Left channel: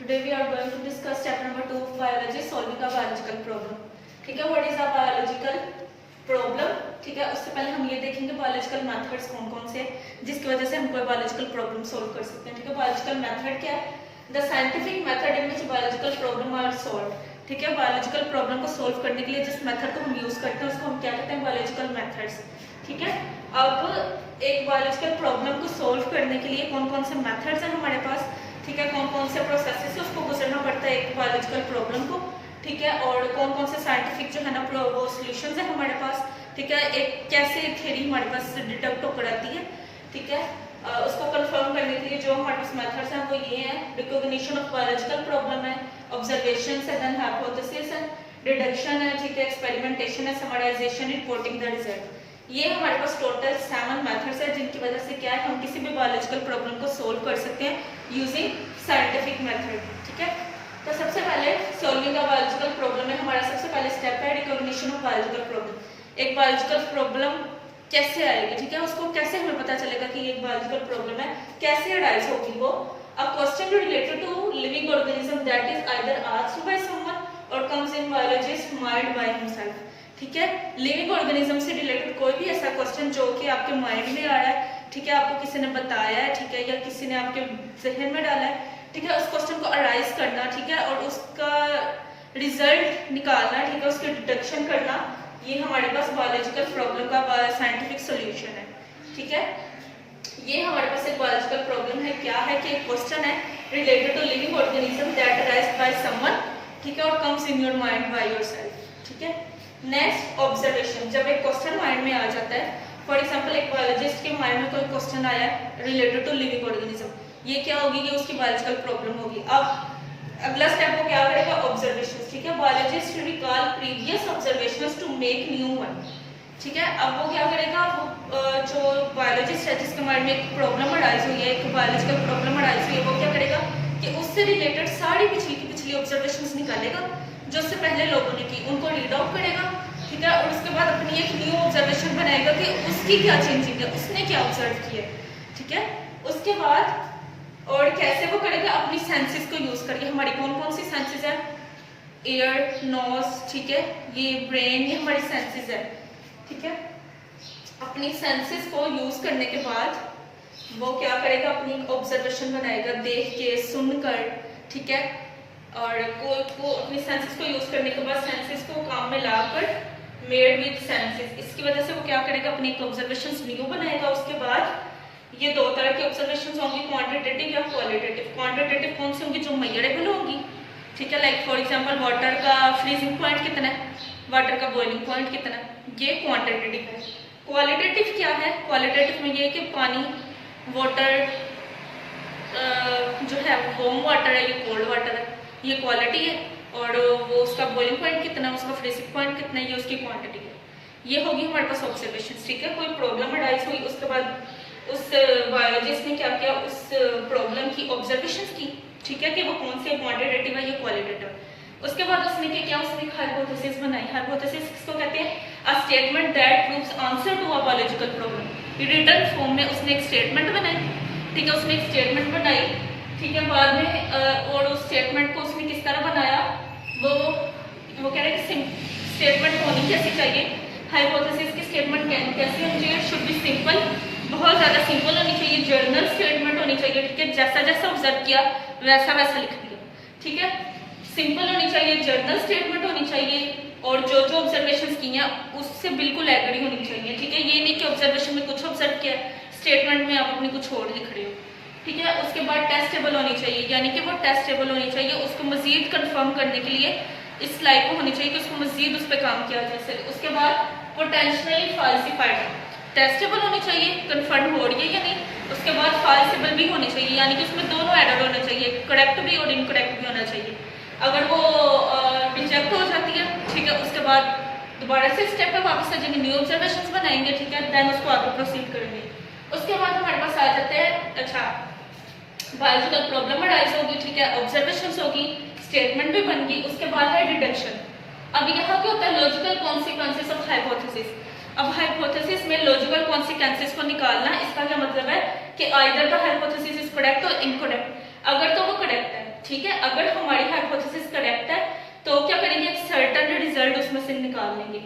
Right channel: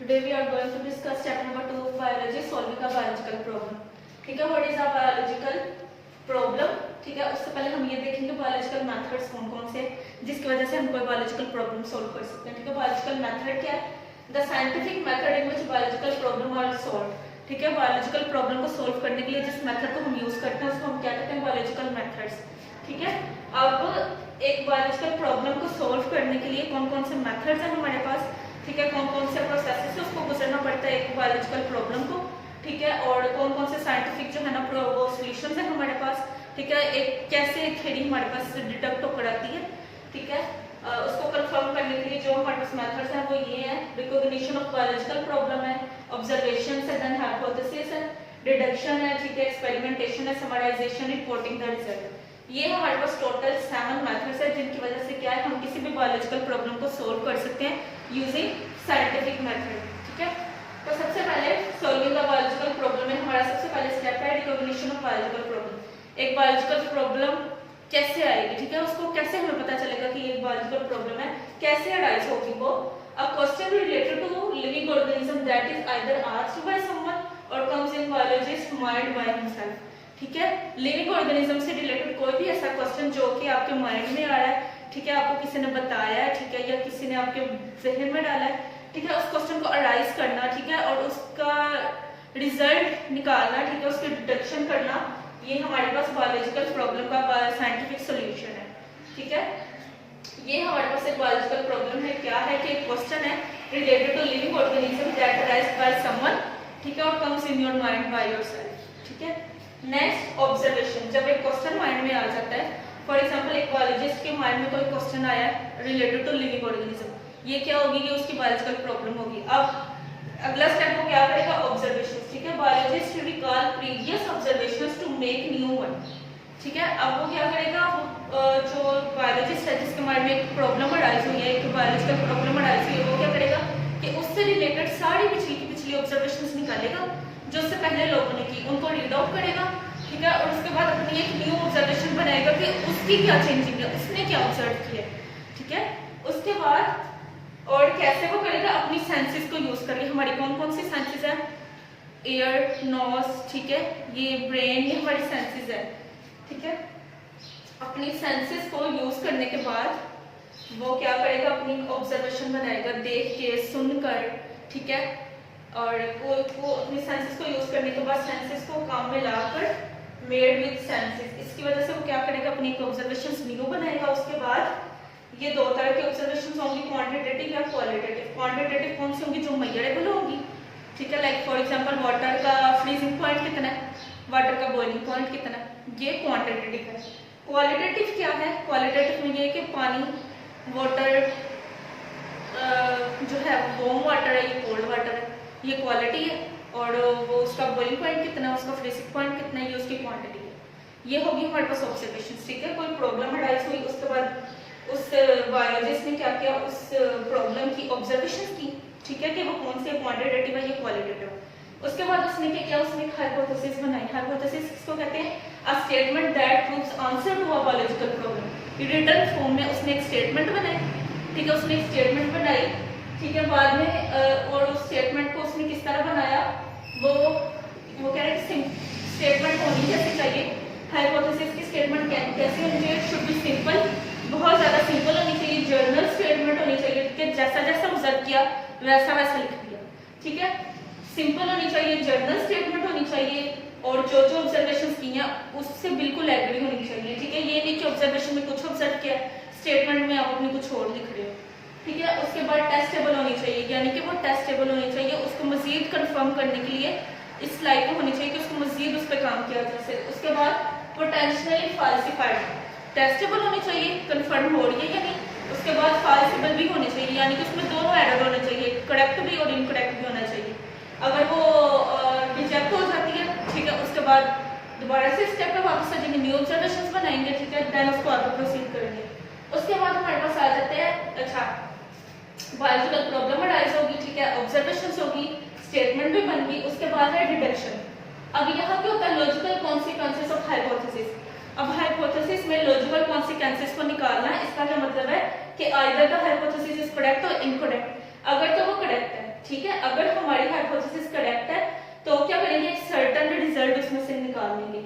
Today we are going to discuss chapter number 2 of biology, solving a biological problem. ठीक है, what is a biological problem? ठीक है, उससे पहले हम ये देखेंगे biological methods कौन कौन से जिसकी वजह से हम कोई biological problem solve कर सकते हैं. ठीक है, biological method क्या है? The scientific method in which biological problem are solved. ठीक है, biological problem को solve करने के लिए जिस method को हम use करते हैं उसको हम क्या कहते हैं? biological methods. ठीक है, अब एक biological problem को solve करने के लिए कौन कौन से methods हैं हमारे पास, ठीक है, कौन कौन से प्रोसेस से उसको गुजरना पड़ता है एक बायोलॉजिकल प्रॉब्लम को, ठीक है, और कौन कौन से साइंटिफिक जो है ना वो सॉल्यूशंस है हमारे पास, ठीक है, एक कैसे थ्योरी हमारे पास डिटेक्ट होकर आती है, ठीक है, उसको कंफर्म करने के लिए जो हमारे पास मेथड्स हैं वो ये हैं. रिकॉग्निशन ऑफ बायोलॉजिकल प्रॉब्लम है, ऑब्जर्वेशन है, देन हाइपोथेसिस है, डिडक्शन है, ठीक है, एक्सपेरिमेंटेशन है, समराइजेशन, रिपोर्टिंग द रिजल्ट. ये हमारे पास टोटल 7 मेथड्स है जिनकी वजह से क्या है हम किसी भी बायोलॉजिकल प्रॉब्लम को सोल्व कर सकते हैं यूजिंग साइंटिफिक मेथड. ठीक है, तो सबसे पहले सॉल्विंग अ बायोलॉजिकल प्रॉब्लम में हमारा सबसे पहले स्टेप है रिकॉग्निशन ऑफ बायोलॉजिकल प्रॉब्लम. एक बायोलॉजिकल प्रॉब्लम कैसे आएगी, ठीक है, उसको कैसे हमें पता चलेगा कि ये एक बायोलॉजिकल प्रॉब्लम है, कैसे अराइज होगी वो. A question related to living organism that is either asked by someone or comes in biologist mind by himself. ठीक है, लिविंग ऑर्गेनिज्म से रिलेटेड कोई भी ऐसा क्वेश्चन जो कि आपके माइंड में आया है, ठीक है, आपको किसी ने बताया है, ठीक है, या किसी ने आपके जहन में डाला है, ठीक है, उस क्वेश्चन को अराइज करना, ठीक है, और उसका रिजल्ट निकालना, ठीक है, उसकी डिडक्शन करना, ये हमारे पास बायोलॉजिकल प्रॉब्लम का साइंटिफिक सॉल्यूशन है. ठीक है, ये हमारे पास एक बायोलॉजिकल प्रॉब्लम है. क्या है कि क्वेश्चन है related to living organism that arise by someone, ठीक है, और comes in your mind by yourself. ठीक है, नेक्स्ट ऑब्जर्वेशन. जब एक क्वेश्चन माइंड में आ जाता है, फॉर एग्जांपल एक बायोलॉजिस्ट के माइंड में कोई क्वेश्चन आया रिलेटेड टू लिविंग ऑर्गेनिज्म, ये क्या होगी, ये उसकी बायोलॉजिकल प्रॉब्लम होगी. अब अगला स्टेप वो क्या करेगा, ऑब्जर्वेशन. ठीक है, biologist recall previous observations to make new one. ठीक है, अब वो क्या करेगा, जो बायोलॉजिस्ट है जिसके माइंड में एक प्रॉब्लम अराइज हुई है, एक बायोलॉजिकल प्रॉब्लम अराइज हुई है, वो क्या करेगा कि उससे रिलेटेड सारी पिछली ऑब्जर्वेशंस निकालेगा जो उससे पहले लोगों ने की, उनको रीड आउट करेगा. ठीक है, और उसके बाद अपनी एक न्यू ऑब्जर्वेशन बनाएगा कि उसकी क्या चेंजिंग है, उसने क्या ऑब्जर्व किया. ठीक है, उसके बाद और कैसे वो करेगा, अपनी सेंसेस को यूज करके. हमारी कौन कौन सी सेंसेस है, एयर, नोज, ठीक है, ये ब्रेन, ये हमारी सेंसेस है. ठीक है, अपनी सेंसेस को यूज करने के बाद वो क्या करेगा, अपनी ऑब्जर्वेशन बनाएगा देख के, सुनकर. ठीक है, और को अपनी सेंसेस को यूज करने के बाद सेंसेस को काम में लाकर मेड विद सेंसेस, इसकी वजह से वो क्या करेगा, अपनी ऑब्जर्वेशंस न्यू बनाएगा. उसके बाद ये दो तरह के ऑब्जर्वेशंस होंगी, क्वांटिटेटिव या क्वालिटेटिव. क्वांटिटेटिव कौन सी होंगी, जो मेजरेबल होंगी. ठीक है, लाइक फॉर एग्जांपल वाटर का फ्रीजिंग पॉइंट कितना है, वाटर का बॉइलिंग पॉइंट कितना है, ये क्वांटिटेटिव है. क्वालिटेटिव क्या है, क्वालिटेटिव में ये कि पानी, वाटर जो है वार्म वाटर है, ये कोल्ड वाटर है, ये क्वालिटी है, और वो उसका बॉइलिंग पॉइंट कितना है, उसका फ्रीजिंग पॉइंट कितना है, ये उसकी क्वांटिटी है. ये होगी हमारे पास ऑब्जर्वेशन. ठीक है, कोई प्रॉब्लम अराइज हुई, उसके बाद उस बायोलॉजिस्ट ने क्या किया, उस प्रॉब्लम की ऑब्जर्वेशन की. ठीक है, कि वो कौन से क्वांटिटेटिव है, ये क्वालिटेटिव. उसके बाद उसने क्या किया, उसने एक हाइपोथेसिस बनाई. हाइपोथेसिस किसको कहते हैं, a statement that proves answer to a biological problem. Written form में उसने एक स्टेटमेंट बनाई. ठीक है, उसने एक स्टेटमेंट बनाई. ठीक है, बाद में और उस स्टेटमेंट को उसने किस तरह बनाया, वो कह रहे हैं कि स्टेटमेंट होनी कैसी चाहिए, हाइपोथेसिस की स्टेटमेंट कैसी होनी चाहिए, शुड बी सिंपल, बहुत ज़्यादा सिंपल होनी चाहिए, जर्नल स्टेटमेंट होनी चाहिए. ठीक है, जैसा जैसा ऑब्जर्व किया वैसा वैसा लिख दिया. ठीक है, सिंपल होनी चाहिए, जर्नल स्टेटमेंट होनी चाहिए, और जो जो ऑब्जर्वेशन की हैं उससे बिल्कुल एग्री होनी चाहिए. ठीक है, ये नहीं कि ऑब्जर्वेशन में कुछ ऑब्जर्व किया, स्टेटमेंट में आप अपनी कुछ और लिख रहे हो. ठीक है, उसके बाद टेस्टेबल होनी चाहिए, यानी कि वो टेस्टेबल होनी चाहिए, उसको मजीद कंफर्म करने के लिए इस लाइक को होनी चाहिए कि उसको मजीद उस पर काम किया जा सके. उसके बाद पोटेंशियली फाल्सिफाइड. टेस्टेबल होनी चाहिए, कंफर्म हो रही है या नहीं. उसके बाद फाल्सिबल भी होनी चाहिए, यानी कि उसमें दोनों एरर होने चाहिए, करेक्ट भी और इनकरेक्ट भी होना चाहिए. अगर वो रिजेक्ट हो जाती है, ठीक है, उसके बाद दोबारा से स्टेप पे वापस से न्यू ऑब्जर्वेशन बनाएंगे. ठीक है, देन उसको आगे प्रोसीड करेंगे. उसके बाद हमारे पास आ जाते हैं, अच्छा, बायोलॉजिकल प्रॉब्लम अराइज होगी. ठीक है, ऑब्जर्वेशंस होगी, स्टेटमेंट भी बन गई. उसके बाद है डिडक्शन. अब यहाँ क्या होता है, लॉजिकल कॉन्सिक्वेंसेस ऑफ हाइपोथेसिस. अब हाइपोथेसिस में लॉजिकल कॉन्सिक्वेंसेस को निकालना, इसका क्या मतलब है कि either the hypothesis is correct और इनकरेक्ट. अगर तो वो करेक्ट है, ठीक है, अगर हमारी हाइपोथेसिस करेक्ट है तो क्या करेंगे, एक सर्टेन रिजल्ट उसमें से निकाल लेंगे।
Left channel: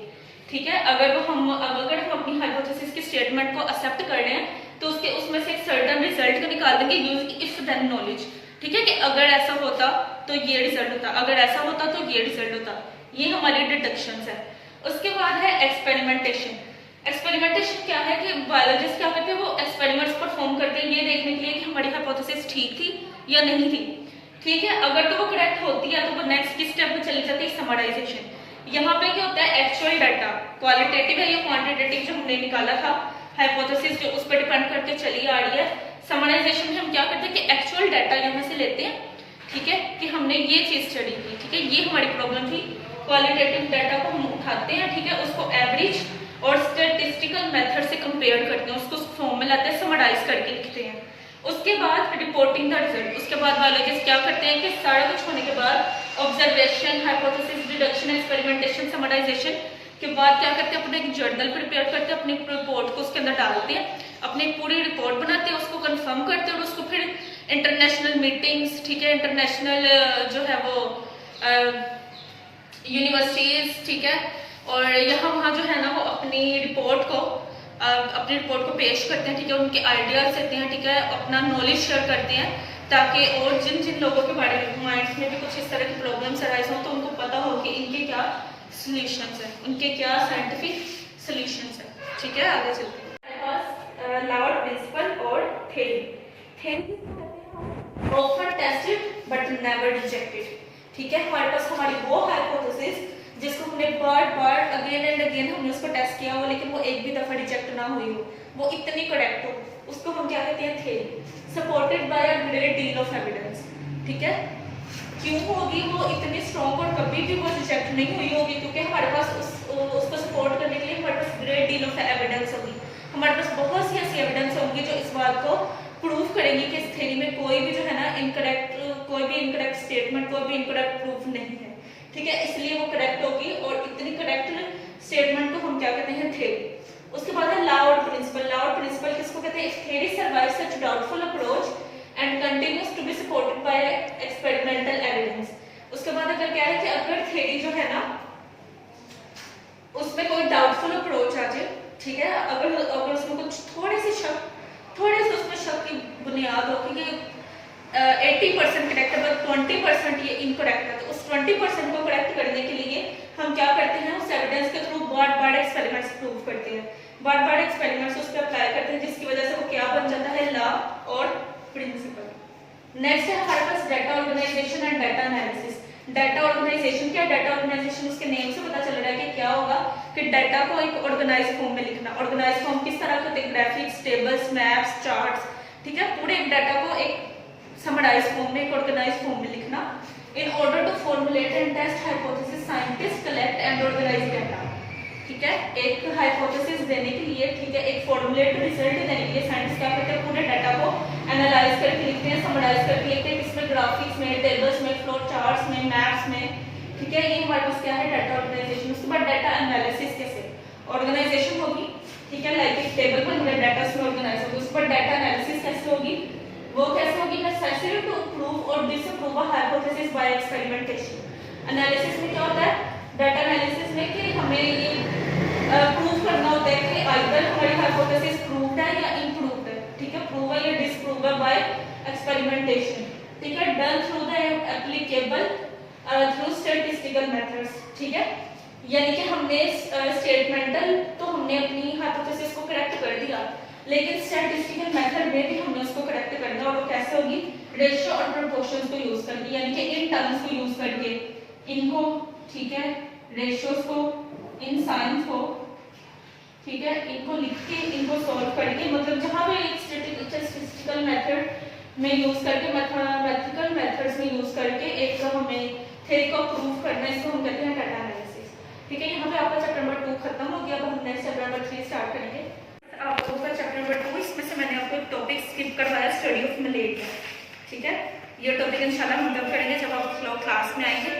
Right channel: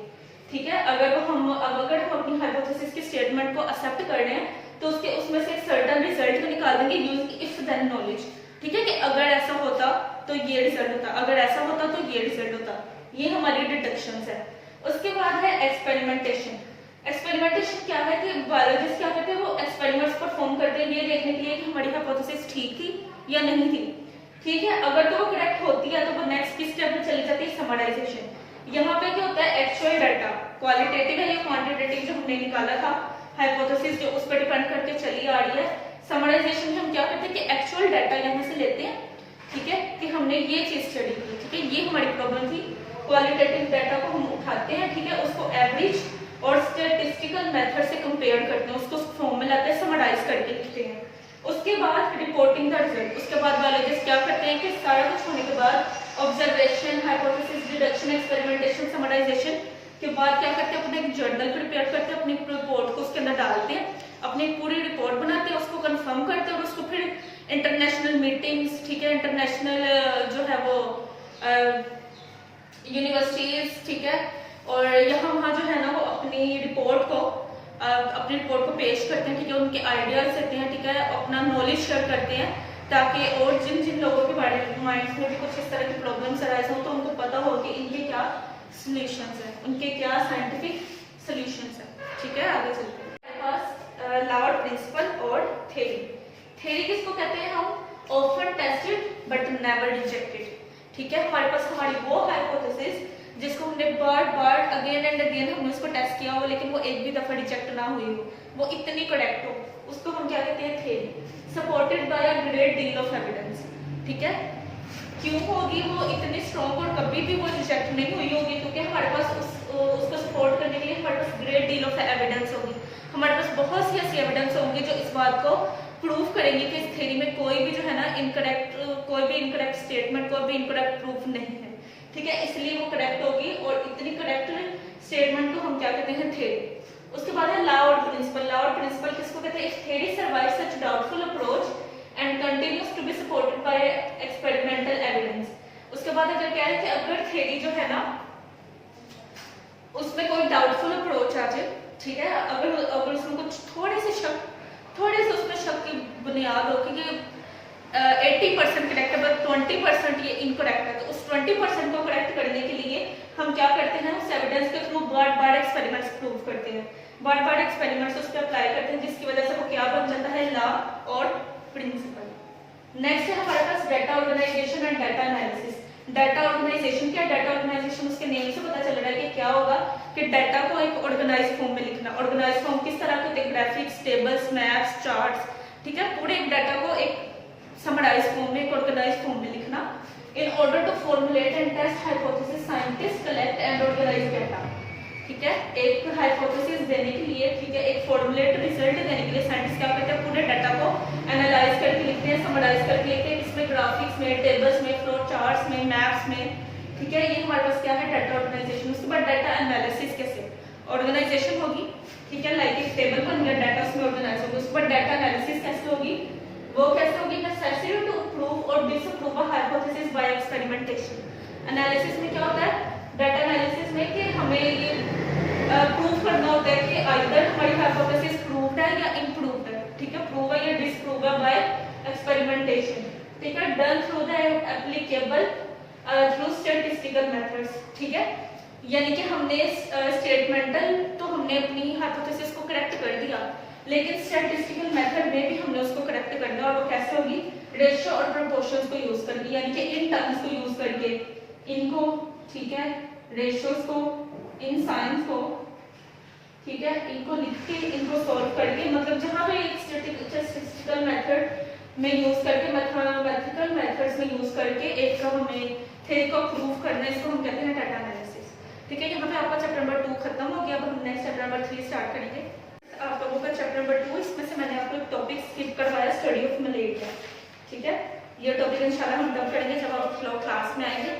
ठीक है, अगर हम अपनी हाइपोथेसिस की स्टेटमेंट को एक्सेप्ट कर रहे हैं तो उसमें से एक सर्टेन रिजल्ट को निकाल देंगे यूजिंग इफ देन नॉलेज। ठीक है, कि अगर ऐसा होता तो ये रिजल्ट होता, अगर ऐसा होता तो ये रिजल्ट होता। ये हमारी डिडक्शंस है। उसके बाद है एक्सपेरिमेंटेशन। एक्सपेरिमेंटेशन क्या है कि बायोलॉजिस्ट क्या करते हैं, वो एक्सपेरिमेंट्स परफॉर्म करते हैं ये देखने के लिए कि हमारी हाइपोथेसिस ठीक थी या नहीं थी। ठीक है, अगर तो वो करेक्ट होती है तो वो नेक्स्ट की स्टेप में चली जाती है समराइजेशन। यहाँ पे क्या होता है, एक्चुअल डाटा क्वालिटेटिव है या क्वांटिटेटिव जो हमने निकाला था हाइपोथेसिस जो उस पर डिपेंड करके चली आ रही है। समराइजेशन में हम क्या करते हैं कि एक्चुअल डाटा यहाँ से लेते हैं। ठीक है, कि हमने ये चीज स्टडी की, ठीक है, ये हमारी प्रॉब्लम थी। क्वालिटेटिव डाटा को हम उठाते हैं, ठीक है, उसको एवरेज और स्टैटिस्टिकल मेथड से कंपेयर करते हैं, उसको फॉर्म में लाते हैं, समराइज करके लिखते हैं। उसके बाद रिपोर्टिंग द रिजल्ट। उसके बाद बायोलॉजिस्ट क्या करते हैं कि सारा कुछ होने के बाद observation, hypothesis, deduction, experimentation, summarization के बाद क्या करते हैं, अपना एक जर्नल प्रिपेयर करते हैं, अपनी रिपोर्ट को उसके अंदर डालते हैं, अपनी पूरी रिपोर्ट बनाते हैं, उसको कंफर्म करते हैं और उसको फिर इंटरनेशनल मीटिंग्स, ठीक है, इंटरनेशनल जो है वो यूनिवर्सिटीज, ठीक है, और यहाँ वहाँ जो है ना वो अपनी रिपोर्ट को पेश करते हैं। ठीक है, उनके आइडियाज देते हैं, ठीक है, अपना नॉलेज शेयर करते हैं ताकि और जिन जिन लोगों के बारे में माइंड्स में भी कुछ इस तरह की प्रॉब्लम्स अराइज हो तो उनको पता हो कि इनके क्या सॉल्यूशंस हैं, उनके क्या साइंटिफिक सॉल्यूशंस हैं। ठीक है, आगे चलते हैं। हमारे पास लाउड प्रिंसिपल और थ्योरी। थ्योरी किसको कहते हैं, हम often tested but never rejected. ठीक है, हमारे पास हमारी वो हाइपोथेसिस जिसको हमने बार अगेन एंड अगेन हमने उसको टेस्ट किया हो लेकिन वो एक भी दफा रिजेक्ट ना हुई हो, वो इतनी करेक्ट हो, उसको हम क्या कहते हैं, theory. Supported by a great deal of evidence. ठीक है, क्यों होगी वो इतनी स्ट्रॉन्ग और कभी भी वो रिजेक्ट नहीं हुई होगी, क्योंकि हमारे पास उसको सपोर्ट करने के लिए हमारे पास ग्रेट डील ऑफ एविडेंस होगी। हमारे पास बहुत सी ऐसी एविडेंस होंगी जो इस बात को प्रूव करेंगे कि इस थ्योरी में कोई भी जो है ना कोई भी इनकरेक्ट स्टेटमेंट, कोई भी इनकरेक्ट प्रूफ नहीं है। ठीक है, इसलिए वो करेक्ट होगी और इतनी करेक्ट स्टेटमेंट को हम क्या कहते हैं, थ्योरी। उसके बाद है लाउड प्रिंसिपल। लाउड प्रिंसिपल किसको कहते हैं, if theory survives such doubtful approach and continues to be supported by experimental evidence. उसके बाद अगर क्या है कि अगर थ्योरी जो है ना उसमें कोई डाउटफुल अप्रोच आ जाए, ठीक है, अगर उसमें कुछ थोड़े से उसमें शक की बुनियाद हो कि 80% करेक्ट है बट 20% ये इनकरेक्ट है, तो उस 20% को करेक्ट करने के लिए हम क्या करते हैं, उस एविडेंस के थ्रू बार एक्सपेरिमेंट्स प्रूव करते हैं, बार एक्सपेरिमेंट्स उस पर अप्लाई करते हैं, जिसकी वजह से वो क्या बन जाता है, लॉ और प्रिंसिपल। नेक्स्ट है हमारे पास data organisation and data analysis. Data organisation क्या, डाटा ऑर्गेनाइजेशन उसके नेम से पता चल रहा है कि क्या होगा कि डाटा को एक ऑर्गेनाइज फॉर्म में लिखना। ऑर्गेनाइज फॉर्म किस तरह के होते हैं, ग्राफिक्स, टेबल्स, मैप्स, चार्ट्स। ठीक है, पूरे डाटा को एक समराइज फॉर्म में, एक ऑर्गेनाइज फॉर्म में लिखना। In order to formulate and test hypothesis scientist collect and organise data. ठीक है, एक हाइपोथेसिस देने के लिए, ठीक है, एक फॉर्मुलेट रिजल्ट देने के लिए साइंटिस्ट क्या करते हैं, पूरे डाटा को एनालाइज करके लिखते हैं, समराइज करके लिखते हैं, इसमें ग्राफिक्स में, टेबल्स में, फ्लो चार्ट्स में, मैप्स में। ठीक है, ये हमारे पास क्या है, डाटा ऑर्गेनाइजेशन। उसके बाद डाटा एनालिसिस कैसे ऑर्गेनाइजेशन होगी, ठीक है, लाइक एक टेबल पर मेरा डाटा उसमें ऑर्गेनाइज होगी। उसके बाद डाटा एनालिसिस कैसे होगी, वो कैसे होगी, नेसेसरी टू प्रूव और disprove a hypothesis by experimentation. Analysis में क्या होता है, डाटा एनालिसिस में कि हमें ये प्रूव करना होता है कि आइदर हमारी हाइपोथेसिस प्रूव्ड है या इनप्रूव्ड है। ठीक है, प्रूव है या डिसप्रूव है बाय एक्सपेरिमेंटेशन। ठीक है, done through the applicable through statistical methods. ठीक है, यानी कि हमने स्टेटमेंटल तो हमने अपनी हाइपोथेसिस को करेक्ट कर दिया, लेकिन स्टैटिस्टिकल मेथड में भी हमने उसको करेक्ट करना है, और वो कैसे होगी, रेशियो और प्रोपोर्शंस को यूज करके, यानी कि इन टर्म्स को यूज करके, इनको, ठीक है, रेशियोज को, इन साइंस को, ठीक है, इनको लिख के, इनको सॉल्व करके, मतलब जहां पे एक स्टैटिस्टिकल मेथड में यूज करके, मैथमेटिकल मेथड्स में यूज करके एक हमें थ्योरी को प्रूव करना है, इसको हम कहते हैं डाटा एनालिसिस। ठीक है, यहाँ पे आपका चैप्टर नंबर 2 खत्म हो गया। अब हम नेक्स्ट चैप्टर नंबर 3 स्टार्ट करेंगे। आप लोगों का चैप्टर नंबर 2, इसमें से मैंने आपको एक टॉपिक स्किप करवाया, स्टडी ऑफ मलेरिया। ठीक है, ये टॉपिक इंशाल्लाह हम तब करेंगे जब आप लोग क्लास में आएंगे।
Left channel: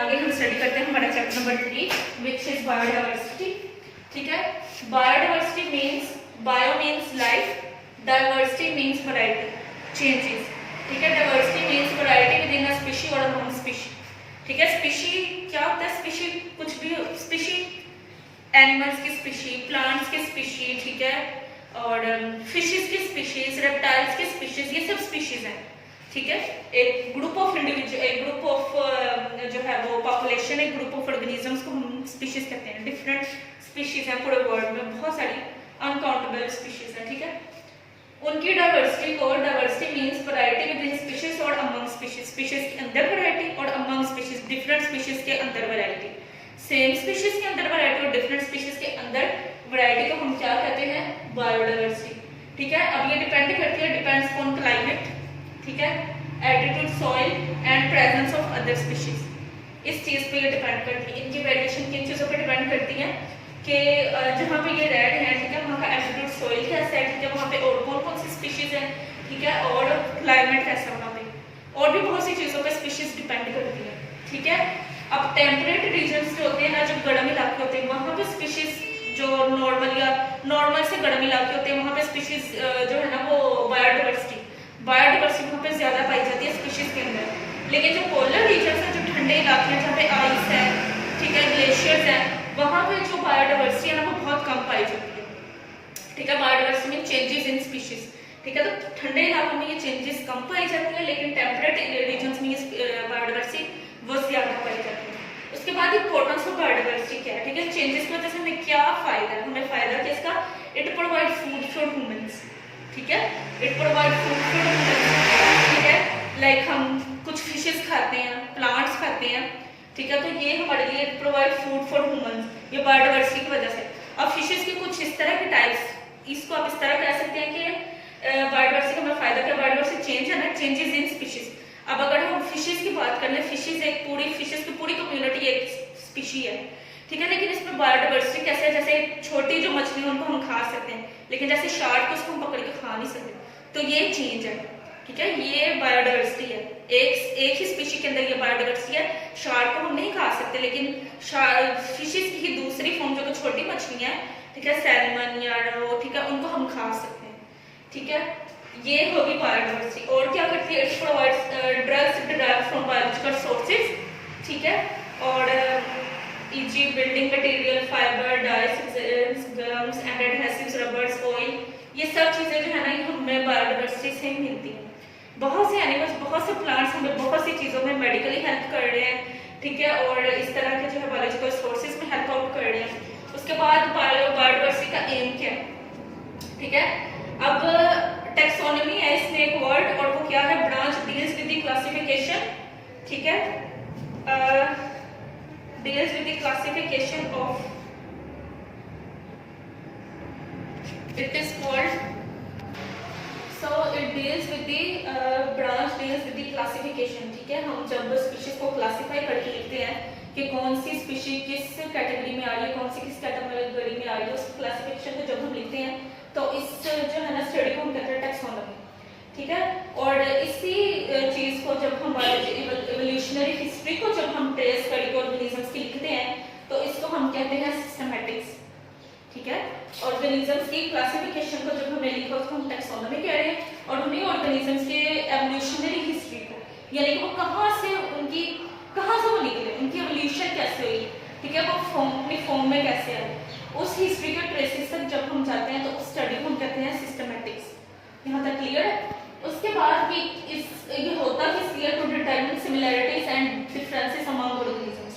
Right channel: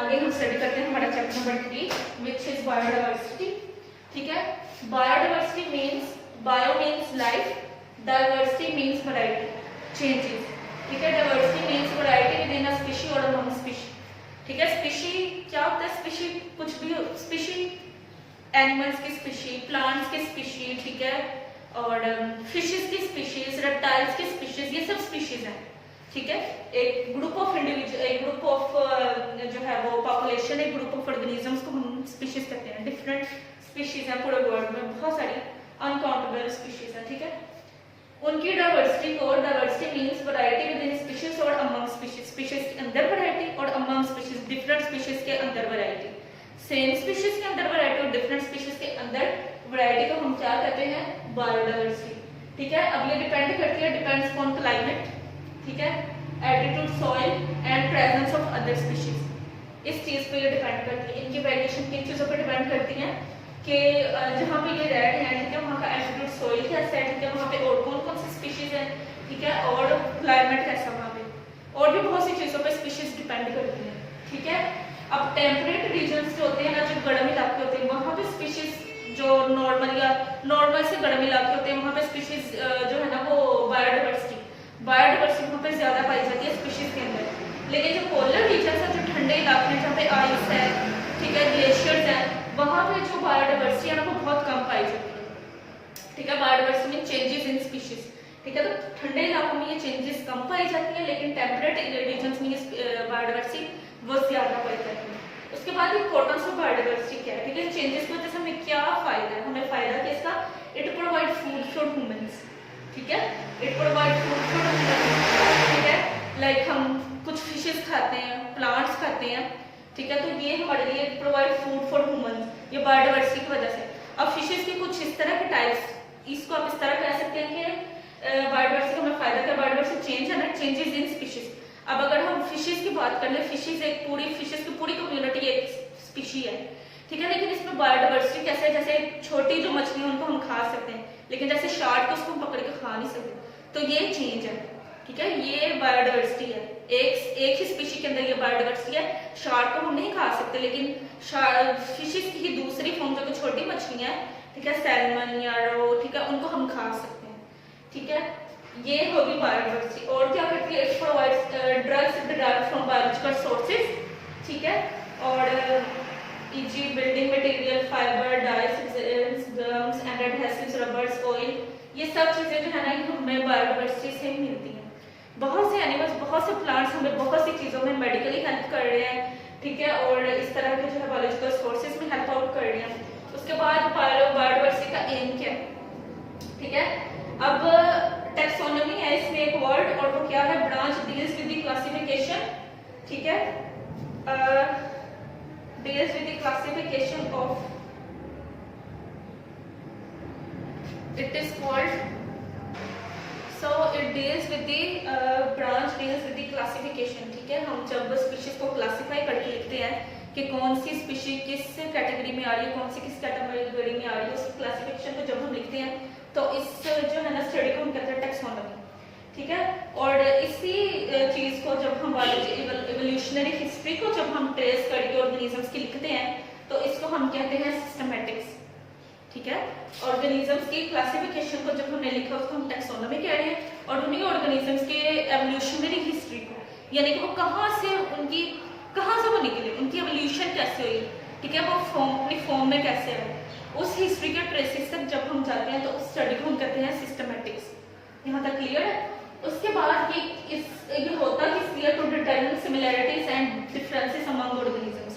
आगे हम स्टडी करते हैं हमारा chapter number 3 which is biodiversity. ठीक है, biodiversity means, bio means life, diversity means variety, changes. ठीक है, diversity means variety with in a animals की स्पीशीज, प्लांट्स की स्पीशीज, ठीक है, और फिशेस की स्पीशीज, रेप्टाइल्स की स्पीशीज, ये सब स्पीशीज हैं, ठीक है। एक ग्रुप ऑफ इंडिविजुअल, एक ग्रुप ऑफ जो है वो पॉपुलेशन, एक ग्रुप ऑफ ऑर्गेनिजम्स को हम स्पीशीज कहते हैं। डिफरेंट स्पीशीज हैं पूरे वर्ल्ड में, बहुत सारी अनकाउंटेबल स्पीशीज हैं, ठीक है। उनकी डाइवर्सिटी को, diversity means variety with in species और अमंग स्पीशीज, स्पीशीज के अंदर वैरायटी और अमंग स्पीशीज, डिफरेंट स्पीशीज के अंदर वैरायटी। सेम स्पीशीज के अंदर वैरायटी और डिफरेंट स्पीशीज के अंदर वैरायटी को हम क्या कहते हैं? बायोडाइवर्सिटी, ठीक है। अब ये डिपेंड करती है, डिपेंड्स ऑन क्लाइमेट, ठीक है, altitude, soil and presence of other species. इस चीज पे ये डिपेंड करती है, इनकी वेरिएशन किन चीजों पर डिपेंड करती है कि जहाँ पे ये रेड है, ठीक है, वहाँ का एल्टीट्यूड, सॉइल कैसा है, ठीक है, वहाँ पे और कौन कौन सी स्पीशीज है, ठीक है, और क्लाइमेट कैसा है वहाँ पे, और भी बहुत सी चीजों पे स्पीशीज डिपेंड करती है, ठीक है। अब टेम्परेट रीजन्स जो होते हैं ना, जो गर्म इलाके होते हैं, वहाँ पे स्पीशीज जो नॉर्मल या नॉर्मल से गर्म इलाके होते हैं, वहाँ पे स्पीशीज जो है ना वो बायोडाइवर्सिटी वहाँ पे ज्यादा पाई जाती है स्पीशीज के अंदर। लेकिन जो पोलर रीजन है, जो ठंडे इलाके हैं जहाँ पे आइस है, ठीक है, ग्लेशियर्स है, वहाँ पे जो बायोडाइवर्सिटी है ना वो बहुत कम पाई जाती है, ठीक है। बायोडाइवर्सिटी में चेंजेस इन स्पीशीज, ठीक है, तो ठंडे इलाकों में ये चेंजेस कम पाई जाती है, लेकिन टेम्परेट रीजन्स में ये बायोडाइवर्सिटी वो ज्यादा पाई जाती है। उसके बाद इंपॉर्टेंस ऑफ बायोडाइवर्सिटी क्या है, ठीक है, चेंजेस की वजह से हमें क्या फायदा है? हमें फायदा क्या इसका? It provide food for humans, ठीक है, it provide food for humans, ठीक है। लाइक हम कुछ फिशेस खाते हैं, प्लांट्स खाते हैं, ठीक है, तो ये हमारे लिए प्रोवाइड फूड फॉर ह्यूमंस, ये बायोडाइवर्सिटी की वजह से। अब फिशेस के कुछ इस तरह के टाइप्स, इसको आप इस तरह कह सकते हैं कि बायोडाइवर्सिटी का हमें फायदा क्या? बायोडाइवर्सिटी चेंज है ना, चेंजेस इन स्पीशीज। अब अगर हम फिशेस की बात करें, फिशेस एक पूरी, फिशेस की पूरी कम्युनिटी एक स्पीशी है, ठीक है, लेकिन इसमें बायोडाइवर्सिटी कैसे है? जैसे छोटी जो मछली उनको हम खा सकते हैं, लेकिन जैसे शार्क को उसको हम पकड़ के खा नहीं सकते, तो ये चेंज है, ठीक है, ये बायोडाइवर्सिटी है। एक ही स्पीशी के अंदर ये बायोडाइवर्सिटी है। शार्क को हम नहीं खा सकते, लेकिन फिशेस की दूसरी फॉर्म जो छोटी मछलियां है, ठीक है, सैल्मन या रो, ठीक है, उनको हम खा सकते हैं, ठीक है, ये होगी बायोडाइवर्सिटी। और क्या करती है? It provides drugs derived from biological sources, ठीक है, और e.g. Building material, fibre, dice, gums, and adhesives, rubbers, oil, ये सब चीजें जो है ना ये हमें बायोडाइवर्सिटी से मिलती हैं। बहुत से एनिमल्स, बहुत से प्लांट्स हमें बहुत सी चीजों में मेडिकली हेल्प कर रहे हैं, ठीक है, और इस तरह के जो है बायोलॉजिकल सोर्सेज में हेल्प आउट कर रहे हैं। उसके बाद बायोडाइवर्सिटी का एम क्या है, ठीक है। अब टेक्सोनॉमी है इसमें एक वर्ड, और वो क्या है? Branch deals with the classification, ठीक है, deals with the classification of, it is called, so it deals with the branch deals with the classification, ठीक है। हम जब स्पीशीज को क्लासिफाई करके लिखते हैं कि कौन सी स्पीशीज किस कैटेगरी में आ रही है, कौन सी किस कैटेगरी में आ रही है, उस क्लासिफिकेशन को जब हम लिखते हैं तो इस जो है ना स्टडी को हम कहते हैं टेक्सोनॉमी, ठीक है। और इसी चीज को जब हम इवोल्यूशनरी हिस्ट्री को जब हम ट्रेस करके ऑर्गेनिजम्स की लिखते हैं तो इसको हम कहते हैं सिस्टमैटिक्स, ठीक है। ऑर्गेनिजम्स की क्लासिफिकेशन को जब हमने लिखा उसको हम टेक्सोनॉमी कह रहे हैं, और उन्हीं ऑर्गेनिजम्स के एवोल्यूशनरी हिस्ट्री को, यानी कि वो कहाँ से वो निकले, उनकी एवोल्यूशन कैसे हुई, ठीक है, वो अपनी फॉर्म में कैसे आए, उस हिस्ट्री के ट्रेसेस तक जब हम जाते हैं तो उस स्टडी को हम कहते हैं सिस्टमैटिक्स। यहाँ तक क्लियर है? उसके बाद भी ये होता है clear to determine similarities and differences among organisms,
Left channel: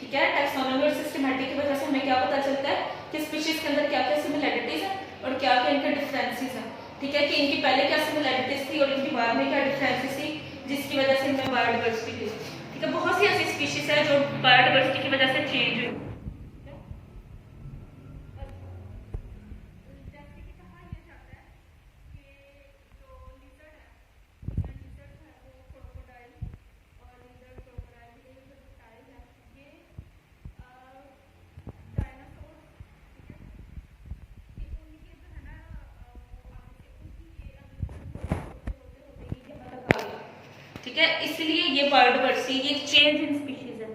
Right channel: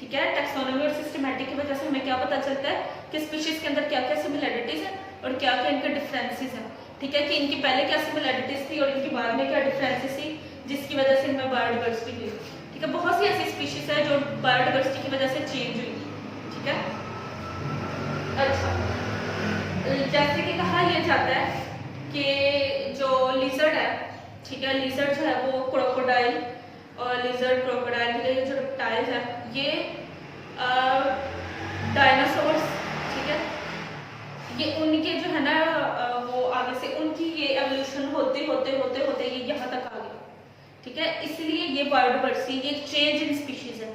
ठीक है। टेक्सोनॉमी और सिस्टमैटिक की वजह से हमें क्या पता चलता है कि स्पीशीज के अंदर क्या क्या सिमिलैरिटीज हैं और क्या क्या इनके डिफरेंसेस हैं, ठीक है, कि इनकी पहले क्या सिमिलैरिटीज थी और इनकी बाद में क्या डिफरेंसेस थी, जिसकी वजह से इनमें बायोडाइवर्सिटी हुई, ठीक है। बहुत सी ऐसी स्पीशीज है जो बायोडाइवर्सिटी की वजह से चेंज हुई, ठीक है। अच्छा, जैसे कि कहा यह जाता है कि जो लिजर्ड है, ठीक है, लिजर्ड जो है वो क्रोकोडाइल और लिजर्ड क्रोकोडाइल के जो रेप्टाइल्स है ये डायनासोर्स, ठीक है, ये उनके जो है ना वो आगे से उनकी ये एवोल्यूशन होते होते होते होते ये यहाँ तक आ गया, ठीक है, इसलिए ये बायोडाइवर्सिटी, ये चेंज इन स्पीशीज है।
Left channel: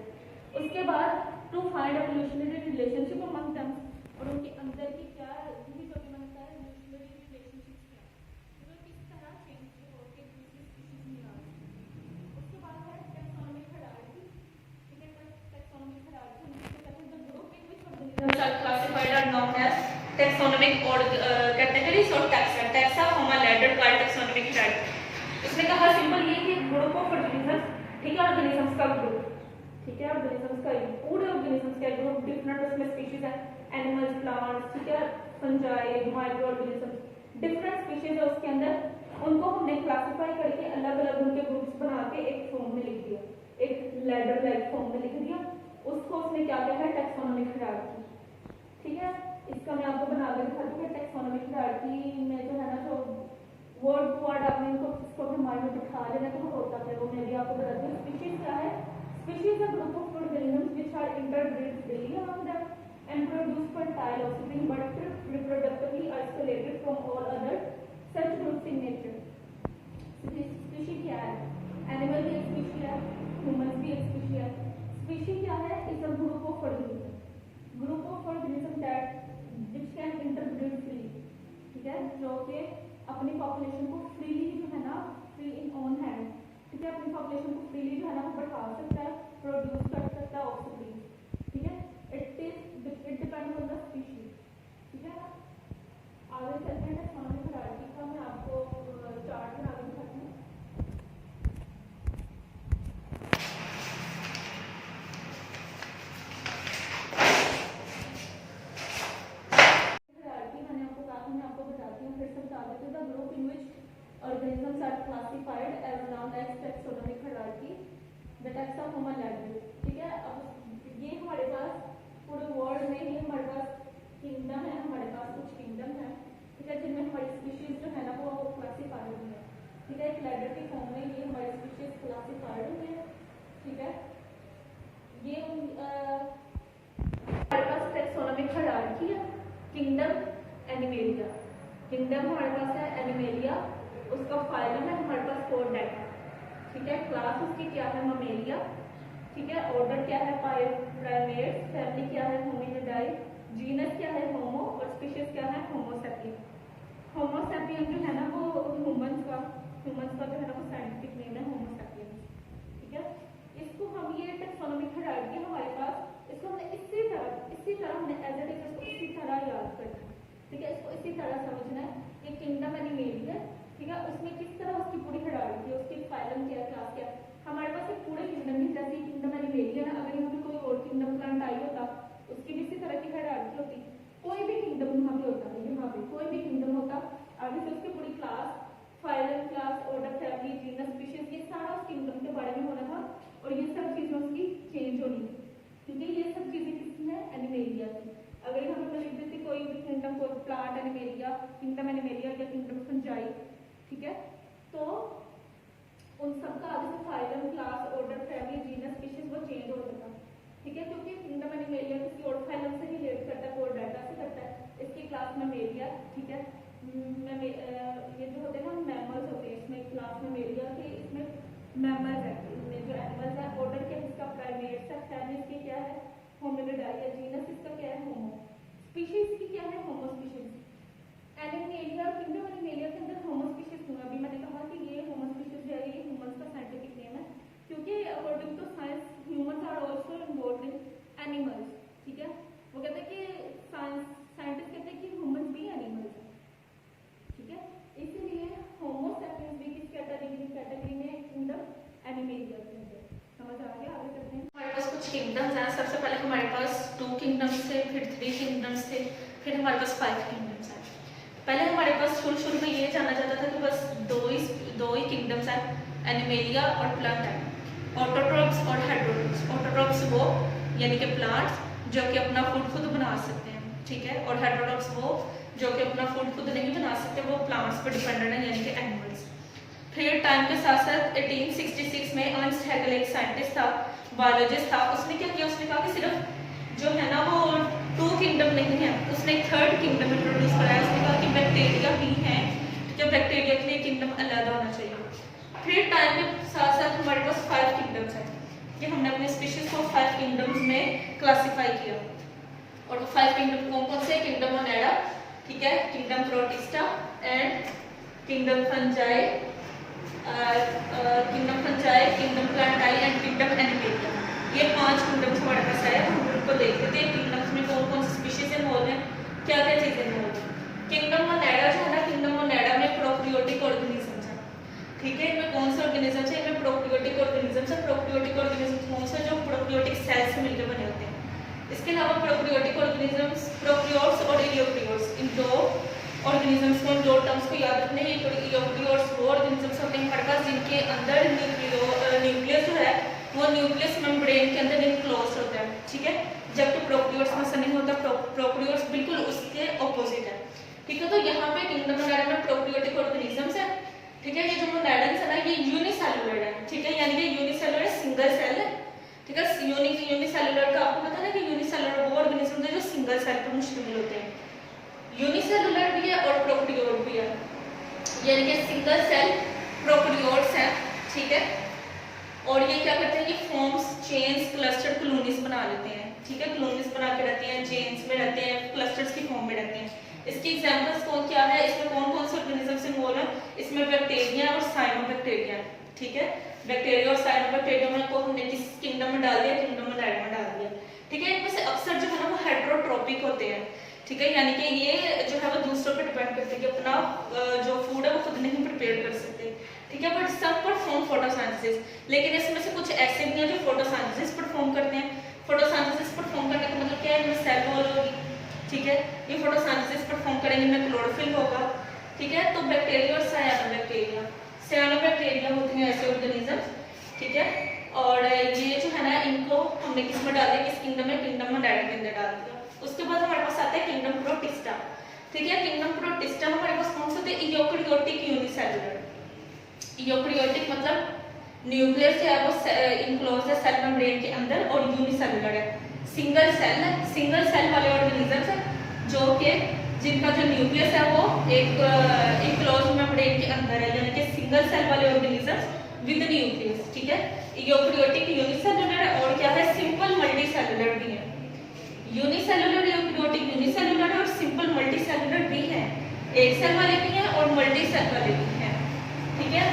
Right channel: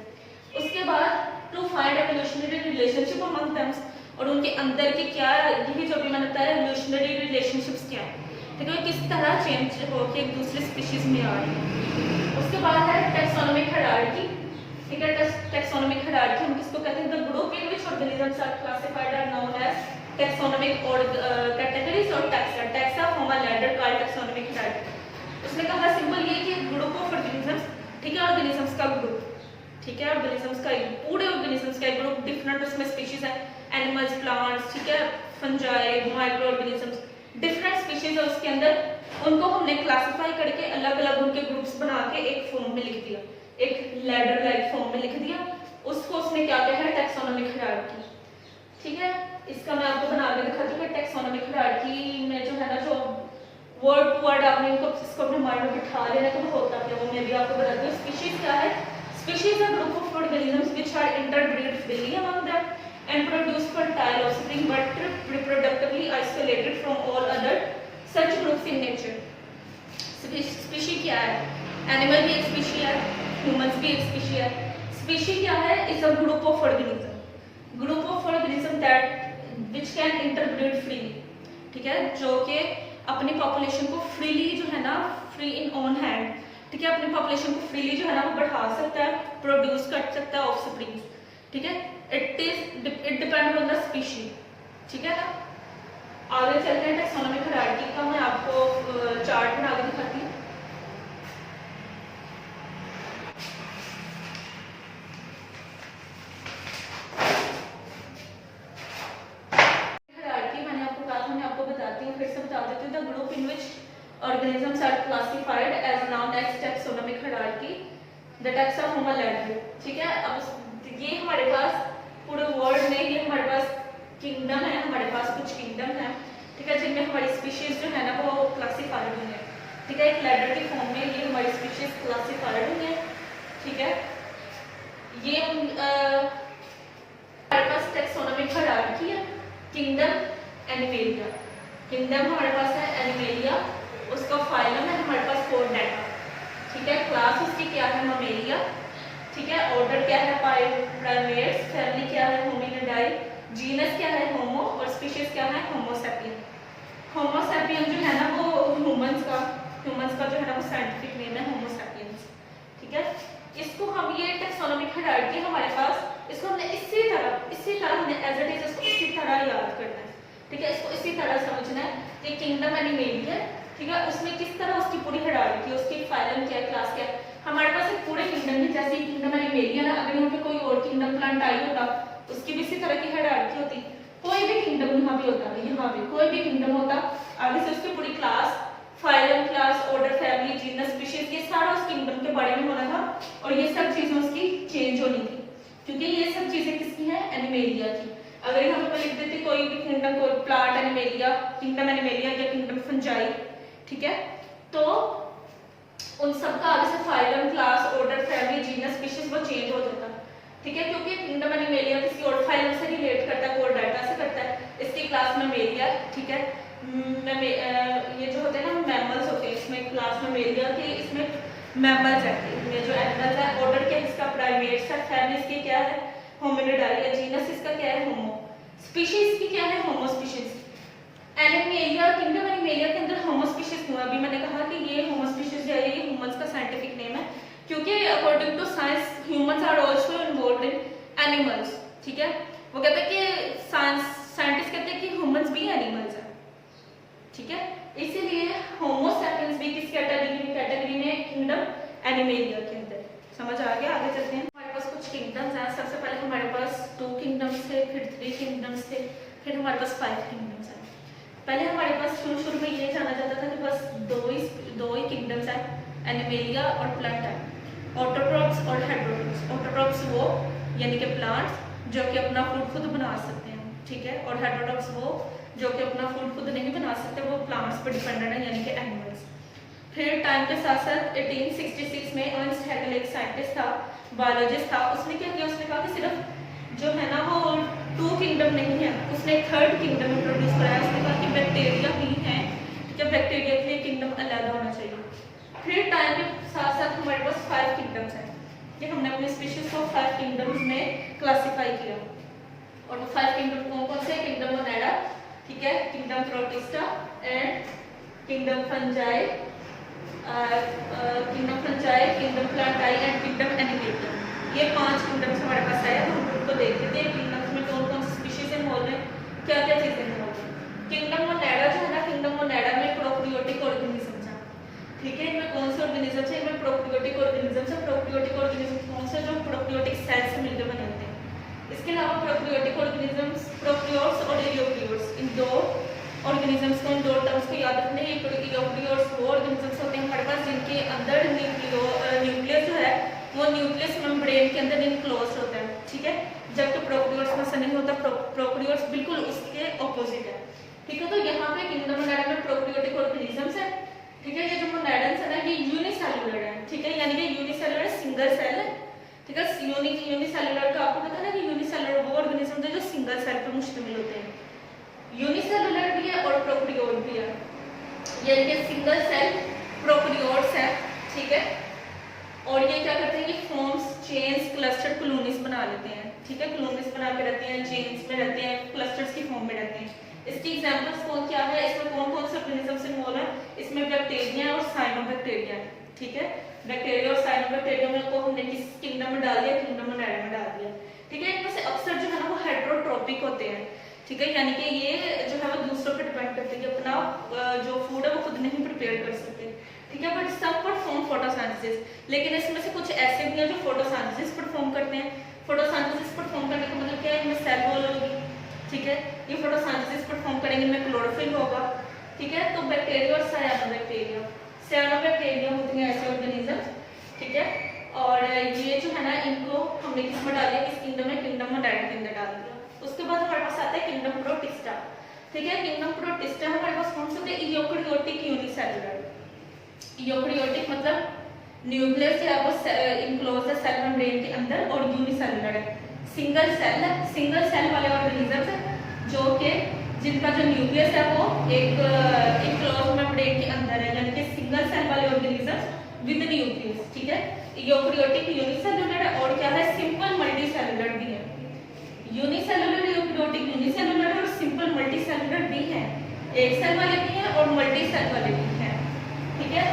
उसके बाद to find evolutionary relationship among them, और उनके अंदर के क्या, यही जो भी मैंने बताया एवोल्यूशनरी रिलेशनशिप्स क्या है, ठीक है, किस तरह चेंज होकर एक दूसरे स्पीशीज में आ रही है। उसके बाद है टेक्सोनोमिक हायरार्की, ठीक है, टेक्सोनोमिक हायरार्की हम किसको कहते हैं? The group in which organisms are classified taxonomic और कैटेगरीज और taxa. Taxa form a ladder called taxonomic hierarchy. उसमें कहा सिंपल ये कि ग्रुप ऑफ ऑर्गेनिजम्स, ठीक है, ऑर्गेनिजम्स का ग्रुप, ठीक है, ऑर्गेनिजम्स का पूरे ऑर्गेनिजम्स का ग्रुप, डिफरेंट उसमें स्पीशीज है, एनिमल्स, प्लांट्स, ठीक है, fungi, micro organisms, different species है उसके अंदर, उनको हमने क्लासिफाई करके अलग अलग उनके ग्रुप्स बना के एक फॉर्म में लिख दिया, एक लैडर लाइक फॉर्म में लिख दिया। उसको उसमें क्या क्या है, टैक्सोनॉमिक हायरार्की, ठीक है। इसका मैं आपको बना के दिखाती हूँ। टैक्सोनॉमिक हायरार्की में जो है ना, जो वर्ड टू वर्ड आपने इनको इसको अपने माइंड में बिठा लेना तो वो होता क्या, वो मैं भी आपको बताती हूँ। स्पीशीज क्या है, species a group of organisms which are interbreed freely among them and produce fertile offspring but reproductively isolated from all other such groups in nature. Species क्या है, एनिमल भी एक स्पीशी है, ह्यूमंस भी एक स्पीशी है। स्पीशी क्या है, is a group of organism, group of organism that which can interbreed freely, ठीक है, जो कि अपनी पॉपुलेशन को फ्रीली जो है ना, फ्री इन ओन हैंड, ठीक है, अपनी पॉपुलेशन को फ्रीली जो है ना वो बढ़ा सकता है, प्रोड्यूस कर सकता है ऑफस्प्रिंग, ठीक है। It depend on the species, ठीक है ना। आगे चलते हैं टैक्सोनॉमिक हायरार्की का, मैं आपको चार्ट बना के दिखाती हूँ। हायरार्की मैंने आपको कहा था, मैं आपको बताती हूँ, फिर से बता देती हूँ। The group in which organisms are classified as known as taxonomic hierarchy, the taxa form a ladder, ठीक है। अब ये हमारे पास पूरे वर्ल्ड में ये हमारे पास किंगडम है, हमारे पास कुछ किंगडम है, ठीक है, जिनमें हमारी स्पीशीज जो है ना वो क्लासिफाइड हुई है, ठीक है, एक लैडर के फॉर्म में ये हमारी स्पीशीज क्लासिफाइड हुई है, ठीक है। ये हमारे पास टैक्सोनॉमिक हायरार्की है। किंगडम एनिमेलिया, किंगडम हमारे पास है एनिमेलिया, उसका फाइलम है हमारे पास कोर्डेटा, ठीक है, क्लास उसकी क्या है, ममेलिया, ठीक है, ऑर्डर क्या है, प्राइमेट्स, फैमिली क्या है, होमिनिडाई, जीनस क्या है, होमो, और स्पीशीज क्या है, होमो सैपियन। होमो सैपियन जो है ना वो ह्यूमंस का जो है ना वो साइंटिफिक नेम है होमो सैपियंस, ठीक है। इसको हम ये टैक्सोनॉमिक हायरार्की हमारे पास, इसको हमने इसी तरह हमने एज इट इज इसको इसी तरह याद करना है, ठीक है, इसको इसी तरह समझना है कि किंगडम एनिमेलिया, ठीक है, उसमें किस तरह उसकी पूरी हायरार्की, उसकी फाइलम क्या है, क्लास क्या है। हमारे पास एक पूरे किंगडम में, जैसे किंगडम एनिमेलिया ना, अगर यहाँ पे कोई और किंगडम प्लांट आई होता उसकी भी इसी तरह की हायरार्की होती। कोई भी किंगडम यहाँ भी होता, यहाँ भी कोई भी किंगडम होता, आगे से उसकी पूरी class, phylum, class, order, family, genus, species, ये सारा उस किंगडम के बारे में होना था, और ये सब चीजें उसकी चेंज होनी थी, क्योंकि ये सब चीजें किसकी हैं, एनिमेलिया की। अगर यहाँ पे मैं लिख देती कोई भी किंगडम, कोई प्लांट एनिमेलिया, किंगडम एनिमेलिया या किंगडम फंजाई, ठीक है, तो उन सब का आगे से phylum, class, order, family, genus, species वो चेंज हो जाता, ठीक है, क्योंकि किंगडम एनिमेलिया किसी और फाइलम से रिलेट करता है, कोर्डेटा से करता है, इसकी क्लास ममेलिया, ठीक है, ये जो होते हैं ना मैमल्स होते हैं, इसमें क्लास ममेलिया की, इसमें मैमल्स है, इनमें जो एनिमल्स है, ऑर्डर क्या है इसका, प्राइमेट्स है, फैमिली इसकी क्या है, होमिनिडाई, या जीनस इसका क्या है, होमो, स्पीशीज की क्या है, होमो स्पीशीज। एनिमेलिया, किंगडम एनिमेलिया के अंदर होमो स्पीशीज क्यों, अभी मैंने कहा कि ये होमो स्पीशीज जो है ये ह्यूमंस का साइंटिफिक नेम है, क्योंकि according to science humans are also involved in animals, ठीक है, वो कहते हैं कि साइंटिस्ट कहते हैं कि ह्यूमंस भी एनिमल्स हैं, ठीक है, इसीलिए होमो सैपियंस भी किस कैटेगरी में, किंगडम एनिमेलिया के अंदर। समझ आ गया, आगे चलते हैं। हमारे पास कुछ किंगडम्स हैं, सबसे पहले हमारे पास 2 किंगडम्स थे, फिर 3 किंगडम्स थे, फिर हमारे पास 5 किंगडम्स हैं। पहले हमारे पास शुरू में ये जाना जाता था कि बस दो ही किंगडम्स हैं, एनिमेलिया और प्लांट, ऑटोट्रॉप्स और हेटेरोट्रॉप्स। ऑटोट्रॉप्स वो यानी कि प्लांट्स जो कि अपना फूड खुद बना सकते हैं, ठीक है, और हेटेरोट्रॉप्स वो जो कि अपना फूड खुद नहीं बना सकते, वो प्लांट्स पर डिपेंडेंट है, यानी कि एनिमल्स। फिर टाइम के साथ साथ 1866 में अर्नस्ट हैकेल एक साइंटिस्ट था, बायोलॉजिस्ट था, उसने क्या किया, उसने कहा कि सिर्फ जो है ना वो 2 किंगडम नहीं है, उसने एक 3rd किंगडम इंट्रोड्यूस कराया। उसने कहा कि बैक्टीरिया भी हैं, तो बैक्टीरिया के लिए किंगडम अलग होना चाहिए। फिर टाइम के साथ साथ हमारे पास 5 किंगडम्स हैं, ये हमने अपने स्पीशीज को 5 किंगडम्स में क्लासीफाई किया, और वो 5 किंगडम कौन कौन से, किंगडम ओनेडा, ठीक है, kingdom protista and kingdom fungi, kingdom प्लांटाई and kingdom animalia. ये 5 किंगडम्स हमारे पास है, हम उनको देखते थे किंगडम्स में कौन कौन सी स्पीशीज इन्वॉल्व है, क्या क्या चीजें हैं। किंगडम मोनेडा जो है ना, किंगडम मोनेडा में प्रोकैरियोटिक ऑर्गेनिज्म है, ठीक है। इनमें कौन से ऑर्गेनिज्म है, इनमें प्रोकैरियोटिक ऑर्गेनिज्म है। प्रोकैरियोटिक ऑर्गेनिज्म कौन से, जो प्रोकैरियोटिक सेल से मिलकर बने होते हैं। इसके अलावा प्रोकैरियोटिक ऑर्गेनिजम्स, प्रोकैरियोट्स और यूकेरियोट्स, इन दो ऑर्गेनिजम्स को, इन दो टर्म्स को याद रखने। यूकेरियोट्स वो ऑर्गेनिजम्स होते हैं हमारे पास जिनके अंदर न्यूक्लियस जो है वो न्यूक्लियस मेम्ब्रेन के अंदर इनक्लोज होता है, ठीक है। जबकि प्रोकैरियोट्स में ऐसा नहीं होता, प्रोकैरियोट्स बिल्कुल उसके ऑपोजिट है, ठीक है। तो यहाँ पे किंगडम मोनेडा में प्रोकैरियोटिक ऑर्गेनिजम्स है, ठीक है। ये जो मोनेडन्स है ना, ये यूनिसेलुलर है, ठीक है, यानी कि यूनिसेलुलर सिंगल सेल है, ठीक है। यूनिसेलुलर का आपको पता है कि यूनिसेलुलर वो ऑर्गेनिज्म है जो सिंगल सेल पर मुश्तमिल होते हैं। यूनिसेलुलर भी है और प्रोकैरियोट भी है, यानी कि सिंगल सेल प्रोकैरियोट्स है, ठीक है। और ये क्या करते हैं, ये फॉर्म्स चेन्स क्लस्टर कॉलोनीज बना लेते हैं, ठीक है। कॉलोनीज बना के रहते हैं, चेन्स में रहते हैं, क्लस्टर्स की फॉर्म में रहते हैं। इसकी एग्जांपल्स कौन क्या है, इसमें कौन कौन से ऑर्गेनिजम्स इन्वॉल्व है, इसमें बैक्टीरिया और साइनोबैक्टीरिया, ठीक है। बैक्टीरिया और साइनोबैक्टीरिया को हमने किस किंगडम में डाल दिया, किंगडम मोनेडा में डाल दिया, ठीक है। इनमें से अक्सर जो है ना वो हेटेरोट्रॉपिक होते हैं, ठीक है, यानी कि ये जो है वो दूसरों पर डिपेंड करते हैं कि अपना जो फूड है वो खुद नहीं प्रिपेयर कर सकते, ठीक है। बट सब परफॉर्म फोटोसिंथेसिस, लेकिन इसमें से कुछ ऐसे भी हैं जो फोटोसिंथेसिस परफॉर्म करते हैं। फोटोसिंथेसिस परफॉर्म करने का मतलब क्या है, इनमें सेल वॉल होगी, ठीक है। ये फोटोसिंथेसिस परफॉर्म करेंगे, इनमें क्लोरोफिल होगा, ठीक है। तो बैक्टीरिया और साइनोबैक्टीरिया, साइनोबैक्टीरिया होती हैं ऐसे ऑर्गेनिज्म, ठीक है। और ये जो है ना इनको हमने किस में डाल दिया, किस किंगडम में, किंगडम मोनेडा के अंदर डाल दिया। उसके बाद हमारे पास आता है किंगडम प्रोटिस्टा, ठीक है। किंगडम प्रोटिस्टा हमारे पास कौन से होते हैं, यूकेरियोटिक यूनिसेलुलर। यूकेरियोटिक मतलब न्यूक्लियस जो है वो इनक्लोज है सेल मेम्ब्रेन के अंदर और यूनिसेलुलर है, सिंगल सेल है, सिंगल सेल वाले ऑर्गेनिजम्स है जो कि जिनका जो न्यूक्लियस है वो एक इनक्लोज मेम्ब्रेन के अंदर है, यानी कि सिंगल सेल वाले ऑर्गेनिजम्स विद न्यूक्लियस, ठीक है। यूकेरियोटिक यूनिसेलुलर है और क्या है, सिंपल मल्टीसेलुलर भी है। यूनिसेलुलर यूकेरियोटिक यूनिसेलुलर है और सिंपल मल्टीसेलुलर भी है, एक सेल वाले भी हैं और मल्टी सेल वाले भी हैं, ठीक है।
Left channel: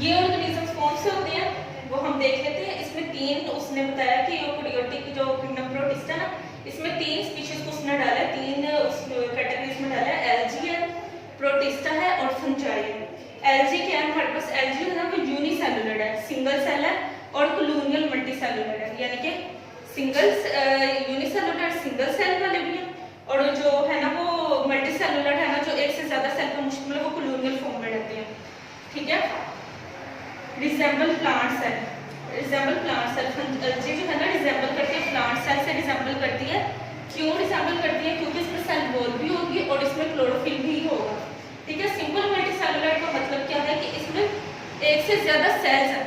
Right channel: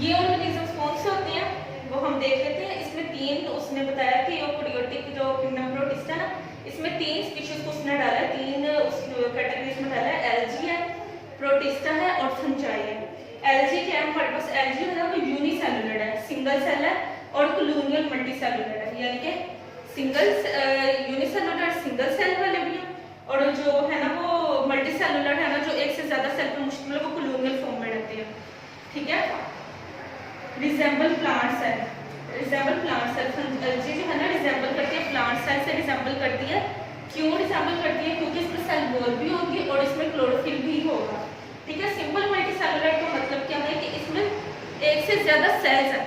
ये ऑर्गेनिजम्स कौन से होते हैं वो हम देख लेते हैं। इसमें तीन उसने बताया कि यूकेरियोटिक जो किंगडम प्रोटिस्टा है ना, इसमें तीन स्पीशीज को उसने डाला है, तीन उस कैटेगरीज में डाला है, एल्गी है, प्रोटिस्टा है और फंजाई है। एल्गी क्या है, हमारे पास एल्गी है ना वो यूनिसेलुलर है, सिंगल सेल है और कॉलोनियल मल्टीसेलुलर है, यानी कि सिंगल यूनिसेलुलर सिंगल सेल वाले भी है और जो है ना वो मल्टीसेलुलर है ना, जो एक से ज्यादा सेल पर मुश्तमिल है, वो कॉलोनियल फॉर्म में रहते हैं, ठीक है। Resemble plant cell, resemble plant cell, algae जो है ना रिजेंबल करती है प्लांट सेल से, रिजेंबल करती है। क्यों रिजेंबल करती है, क्योंकि इसमें सेल वॉल भी होगी और इसमें क्लोरोफिल भी होगा, ठीक है। सिंपल मल्टीसेलुलर का मतलब क्या है कि इसमें एक से ज्यादा सेल्स है।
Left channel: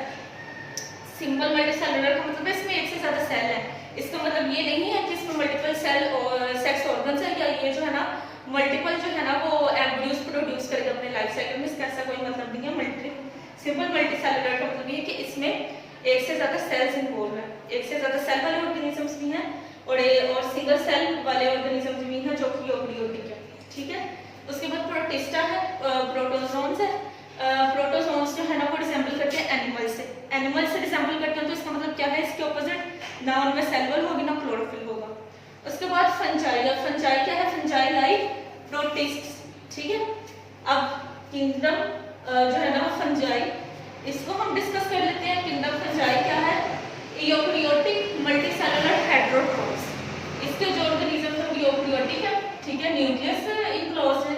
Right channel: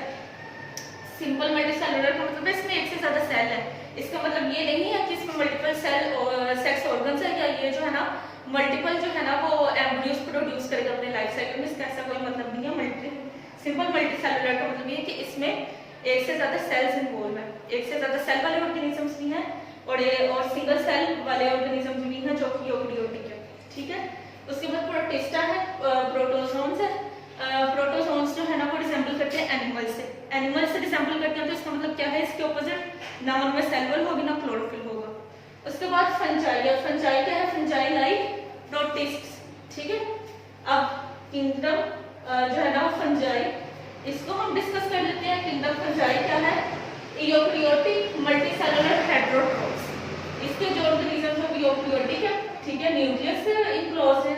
सिंपल मल्टीसेलुलर का मतलब इसमें एक से ज्यादा सेल है, इसका मतलब ये नहीं है कि इसमें मल्टीपल सेल और सेक्स ऑर्गन्स है, या ये जो है ना मल्टीपल जो है ना वो एम्ब्रियोज प्रोड्यूस करके अपने लाइफ साइकिल में, इसका ऐसा कोई मतलब नहीं है। सिंपल मल्टीसेलुलर का मतलब ये है कि इसमें एक से ज्यादा सेल्स इन्वॉल्व है, एक से ज्यादा सेल वाले ऑर्गेनिजम्स भी हैं और सिंगल सेल वाले ऑर्गेनिजम्स भी हैं जो कि यूकेरियोटिक है, ठीक है। उसके बाद प्रोटिस्टा है, प्रोटोजोन्स है। प्रोटोजोन्स जो है ना वो रिसेंबल करते हैं एनिमल से, एनिमल से रिसेंबल करते हैं, तो इसका मतलब क्या है, इसके ऑपोजिट ना उनमें सेल वॉल होगी ना क्लोरोफिल होगा। उसके बाद फंजाई है, फंजाई क्या है, फंजाई लाइक प्रोटिस्ट्स, ठीक है। अब किंगडम जो है ना वो फंजाई, इसको हम डिस्कस कर लेते हैं। किंगडम फंजाई क्या है, यूकेरियोटिक मल्टीसेलुलर हेटेरोट्रोफ्स, इसके जो ऑर्गेनिज्म है वो यूकेरियोटिक है, ठीक है, न्यूक्लियस इनक्लोज है,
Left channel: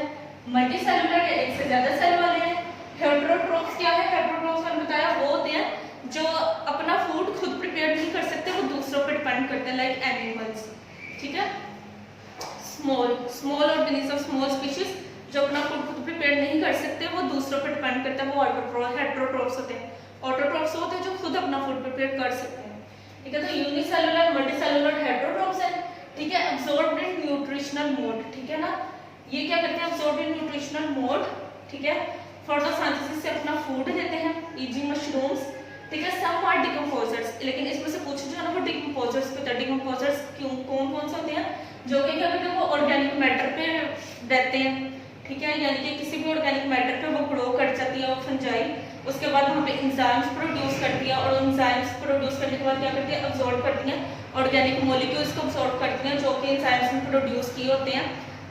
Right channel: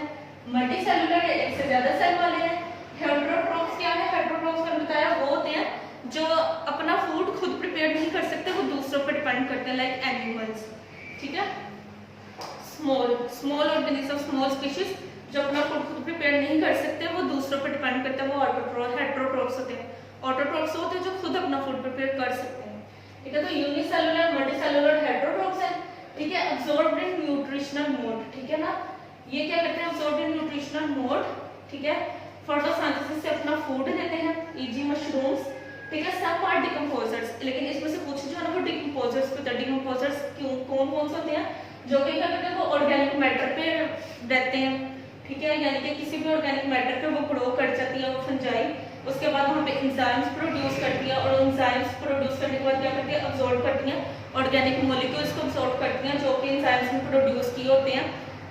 मल्टीसेलुलर है, एक से ज्यादा सेल वाले हैं। हेटेरोट्रोफ्स क्या है, हेटेरोट्रोफ्स मैंने बताया वो होते हैं जो अपना फूड खुद प्रिपेयर नहीं कर सकते, वो दूसरों पर डिपेंड करते हैं, लाइक एनिमल्स, ठीक है। स्मॉल ऑर्गेनिज्म, स्मॉल स्पीशीज जो अपना फूड खुद प्रिपेयर नहीं कर सकते, वो दूसरों पर डिपेंड करते हैं, वो हेटेरोट्रोफ्स होते हैं। ऑटोट्रोफ्स होते हैं जो खुद अपना फूड प्रिपेयर कर सकते हैं, ठीक है। तो यूनिसेलुलर मल्टीसेलुलर हेटेरोट्रोफ्स है, ठीक है। अब्सॉर्ब्ड इन न्यूट्रिशनल मोड, ठीक है ना, ये क्या करते हैं, अब्सॉर्ब्ड इन न्यूट्रिशनल मोड, ठीक है। फोटोसिंथेसिस से अपना फूड देते हैं, ईजी मशरूम्स, ठीक है। सम आर डिकम्पोजर्स, लेकिन इसमें से कुछ जो है ना वो डिकम्पोजर्स होते हैं। डिकम्पोजर्स क्यों, कौन कौन से होते हैं, जो कि क्या करते हैं, वो ऑर्गेनिक मैटर पे रहते हैं, ठीक है, यानी कि किसी भी ऑर्गेनिक मैटर पे वो ग्रो कर जाती है फंजाई। उसके बाद वहाँ पे एंजाइम्स प्रोड्यूस करती है और एंजाइम्स प्रोड्यूस करने के बाद क्या करती है, अब्सॉर्ब करती हैं ऑर्गेनिक मॉलिक्यूल्स को, अब्सॉर्ब करती हैं जो कि एंजाइम्स में प्रोड्यूस किए होते हैं।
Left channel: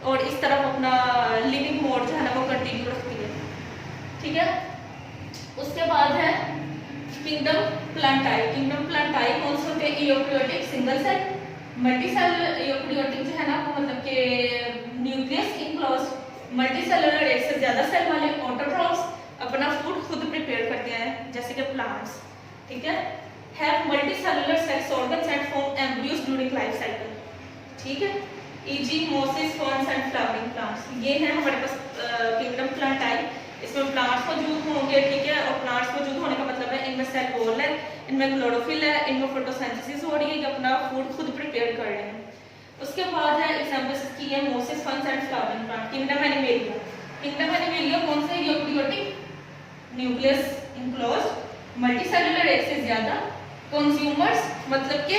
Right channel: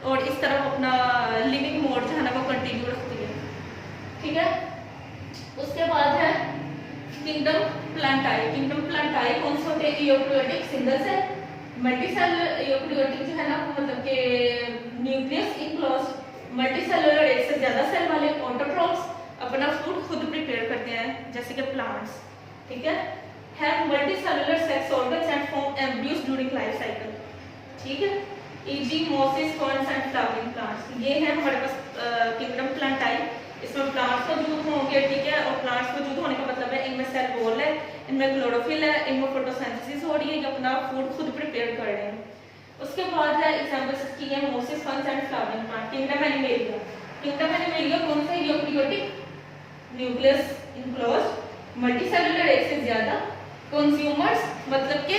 और इस तरफ अपना लिविंग मोड जो है ना वो कंटिन्यू रखती है। ठीक है, उसके बाद है किंगडम प्लांटाई। किंगडम प्लांटाई कौन से होते हैं? Eukaryotic single cell, multi cell. Eukaryotic जो है ना मतलब कि न्यूक्लियस इनक्लोज, मल्टी सेलुलर एक से ज्यादा सेल वाले, ऑटोट्रॉफ्स अपना फूड खुद प्रिपेयर करते हैं जैसे कि प्लांट्स। ठीक है, have multi cellular sex organs and form embryos during life cycle. ठीक है, easy Moses ferns and flowering plants. ये है हमारे पास किंगडम प्लांटाई। इसमें प्लांट्स मौजूद होंगे। ठीक है, और प्लांट्स मौजूद होने का मतलब है इनमें सेल वॉल है, इनमें क्लोरोफिल है, इनमें फोटोसिंथेसिस हो रही है, ये अपना फूड खुद प्रिपेयर कर रहे हैं। उसके बाद है एग्जांपल्स इसकी है Moses ferns and flowering plant. Kingdom animalia. Kingdom animalia कौन सा? यूकेरियोटिक, न्यूक्लियस इनक्लोज, मल्टीसेलुलर एक से ज्यादा, कंज्यूमर्स मतलब कि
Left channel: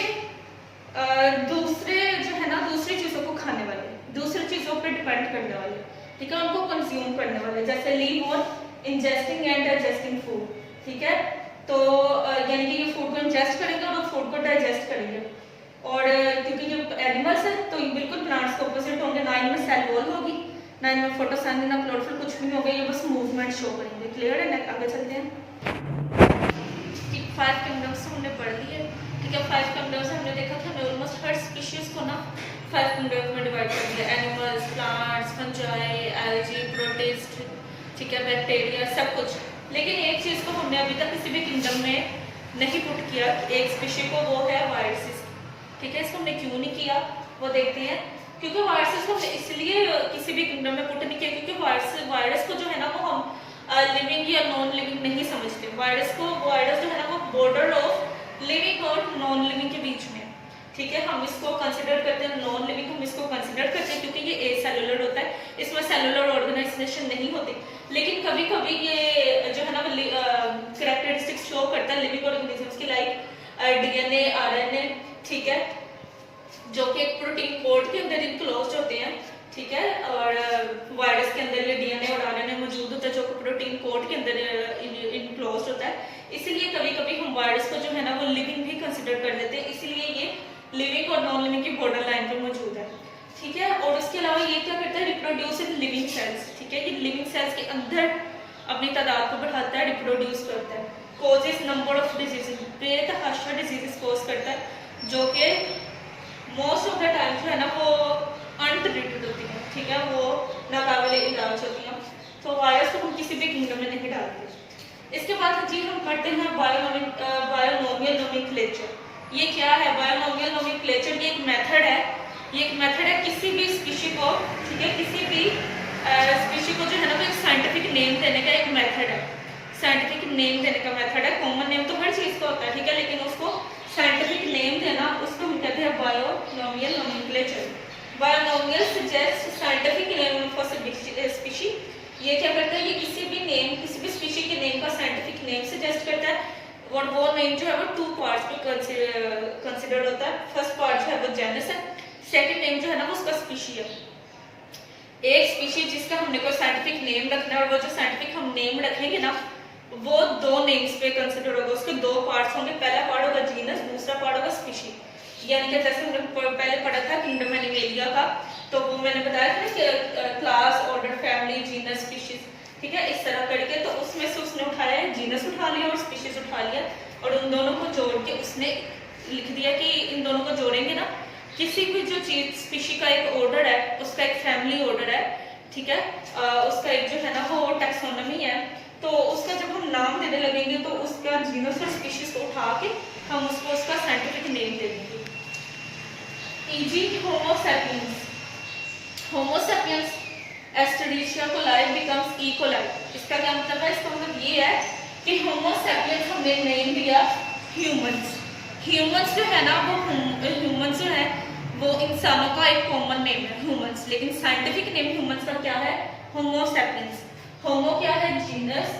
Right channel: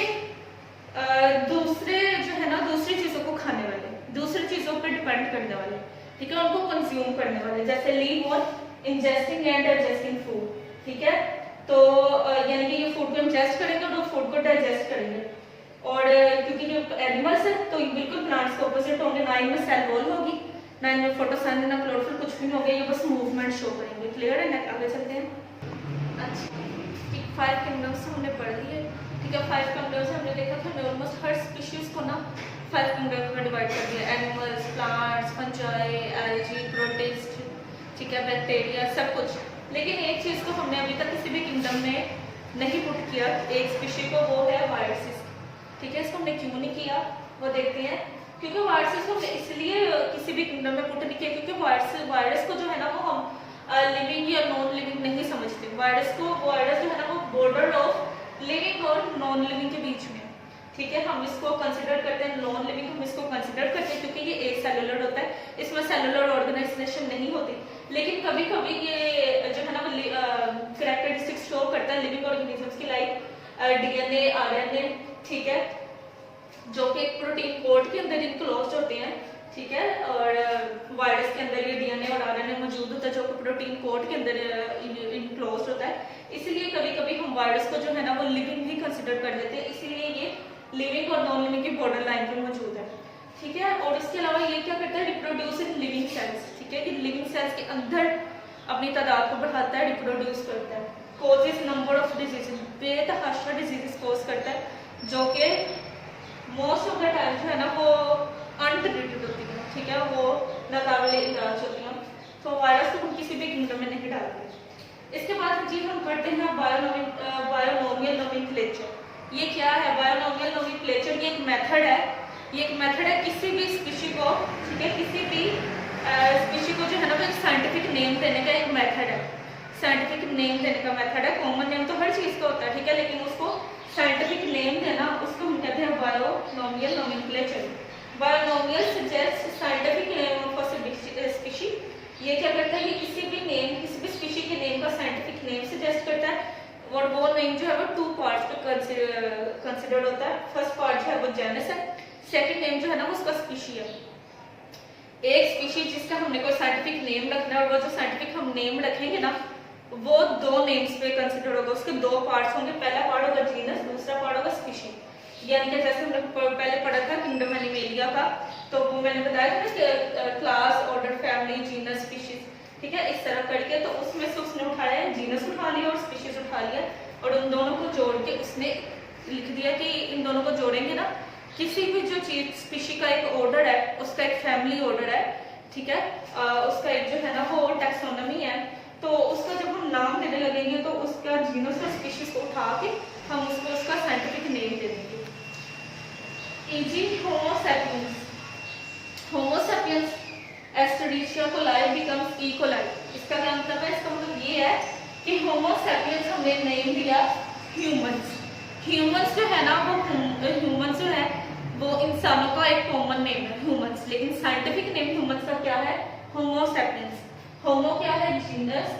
दूसरे जो है ना दूसरी चीजों को खाने वाले, दूसरी चीजों पर डिपेंड करने वाले। ठीक है, उनको कंज्यूम करने वाले, जैसे live on ingesting and digesting food. ठीक है, तो यानी कि ये फूड को इंजेस्ट करेंगे और फूड को डाइजेस्ट करेंगे। और क्योंकि ये एनिमल्स है तो ये बिल्कुल प्लांट्स के ऑपोजिट होंगे, ना इनमें सेल वॉल होगी, ना इनमें फोटोसिंथेसिस, ना क्लोरोफिल, कुछ भी होगा, ये बस मूवमेंट शो करेंगे। क्लियर है ना? आगे चलते हैं। 5 किंगडम्स हमने पढ़ लिए। ठीक है, 5 किंगडम्स हमने देखा कि हमने ऑलमोस्ट हर स्पीशीज को ना 5 किंगडम्स में डिवाइड कर दिया। Animals, plants, fungi, algae, protist, ठीक है, बैक्टीरिया, सब कुछ। लेकिन एक चीज को हमने अभी तक किसी भी किंगडम में नहीं पुट किया, एक स्पीशी को, वो है वायरसेस। ठीक है, इसको हमने क्यों नहीं किया वो देखते हैं। क्योंकि वायरसेस को हमने इसलिए किसी भी किंगडम में पुट नहीं किया क्योंकि वायरस को जो है ना वो हम लिविंग या नॉन लिविंग नहीं समझते। वायरस जो है ना वो बॉर्डर ऑफ लिविंग और नॉन लिविंग के बीच में। ठीक है, हम इसको कंसिडर करते हैं नॉन लिविंग, हम इसको कंसिडर करते हैं क्योंकि ये एक सेलुलर होता है, इसमें सेलुलर ऑर्गेनाइजेशन नहीं होती। लेकिन कभी कभी ये जो है ना कैरेक्टरिस्टिक्स शो करता है लिविंग ऑर्गेनिजम्स की, लाइक डीएनए, आरएनए। ठीक है, जो कि एक प्रोटीन कोड के अंदर इनक्लोज होते हैं। ठीक है, और वायरस के अंदर ये डीएनए और आरएनए मौजूद होता है जो कि प्रोटीन कोड के अंदर इनक्लोज होता है। इसीलिए कभी कभी हम वायरस को जो है ना वो लिविंग भी कंसिडर कर लेते हैं, इसीलिए ये लिविंग और नॉन लिविंग की बॉर्डर लाइन पे मौजूद है। ठीक है, और उसके अलावा ये क्या करता है? Reproduce in living cells. ठीक है, ये लिविंग सेल्स के अंदर अपनी तादाद को बढ़ाता है, रिप्रोड्यूस करता है। कॉजेस नंबर ऑफ डिजीजेस, बेतहाशा डिजीजेस कॉज करता है जो कि मोस्ट ऑफ द टाइम जो है ना वो अनट्रीटेड होती है। ठीक है, वो नाकाबिले इलाज होती हैं, तो वायरस को हम किसी भी किंगडम में नहीं डालते। इसके बाद जी हम पढ़ते हैं बायोनोमियल नोमेनक्लेचर। ये क्या है? बायोनोमियल नोमेनक्लेचर ये एक मेथड है, ये एक मेथड है किसी भी स्पीशी को, ठीक है, किसी भी स्पीशी को जो है ना वो एक साइंटिफिक नेम देने का एक मेथड है। साइंटिफिक नेम देने का मेथड है। कॉमन नेम तो हर चीज को होता है, ठीक है, लेकिन उसको साइंटिफिक नेम देना उसको हम कहते हैं binomial nomenclature. Binomial suggest scientific name of a species. ये क्या करता है? ये किसी भी स्पीशी के नेम का साइंटिफिक नेम सजेस्ट करता है, और वो नेम जो है वो 2 पार्ट्स पे कंसिडर होता है। फर्स्ट पार्ट जो है वो जेनस है, सेकंड नेम जो है ना वो उसका स्पीशी है। एक स्पीशी जिसका हमने कोई साइंटिफिक नेम रखना है, और वो जो साइंटिफिक हम नेम रखेंगे ना वो 2 नेम्स पे कंसिडर होगा। उसके 2 पार्ट्स होंगे, पहला पार्ट होगा जीनस, दूसरा पार्ट होगा स्पीशी। यानी कि जैसे हमने पहले पढ़ा था किंगडम एनिमेलिया का, तो वो मैंने बताया था कि class, order, family, genus, species. ठीक है, इस तरह करके तो उसमें से उसने उठाया है, जीनस उठा लिया और स्पीशीज उठा लिया, और उन दोनों को जोड़ के उसने लिख दिया कि इन दोनों को जोड़ेंगे ना, किसी भी जो चीज स्पीशी का एक ऑर्डर है, उसका एक फैमिली ऑर्डर है, ठीक है, उसका एक जो है ना वो टैक्सोनॉमी है, तो उसका जब हम नाम देने लगेंगे तो उसका जीनस और स्पीशीज को उठा के हम उसको उसका साइंटिफिक नेम दे देंगे। E.g. Homo sapiens. Homo sapiens Escherichia coli becomes E coli. इसका क्या मतलब है? इसका मतलब ये है कि होमो सैपियंस हमने नेम दिया ह्यूमंस। ह्यूमंस जो है ना वो ह्यूमंस जो है वो इंसानों का एक कॉमन नेम है ह्यूमंस, लेकिन साइंटिफिक नेम ह्यूमंस का क्या है? होमो सैपियंस। होमो क्या है? जीनस,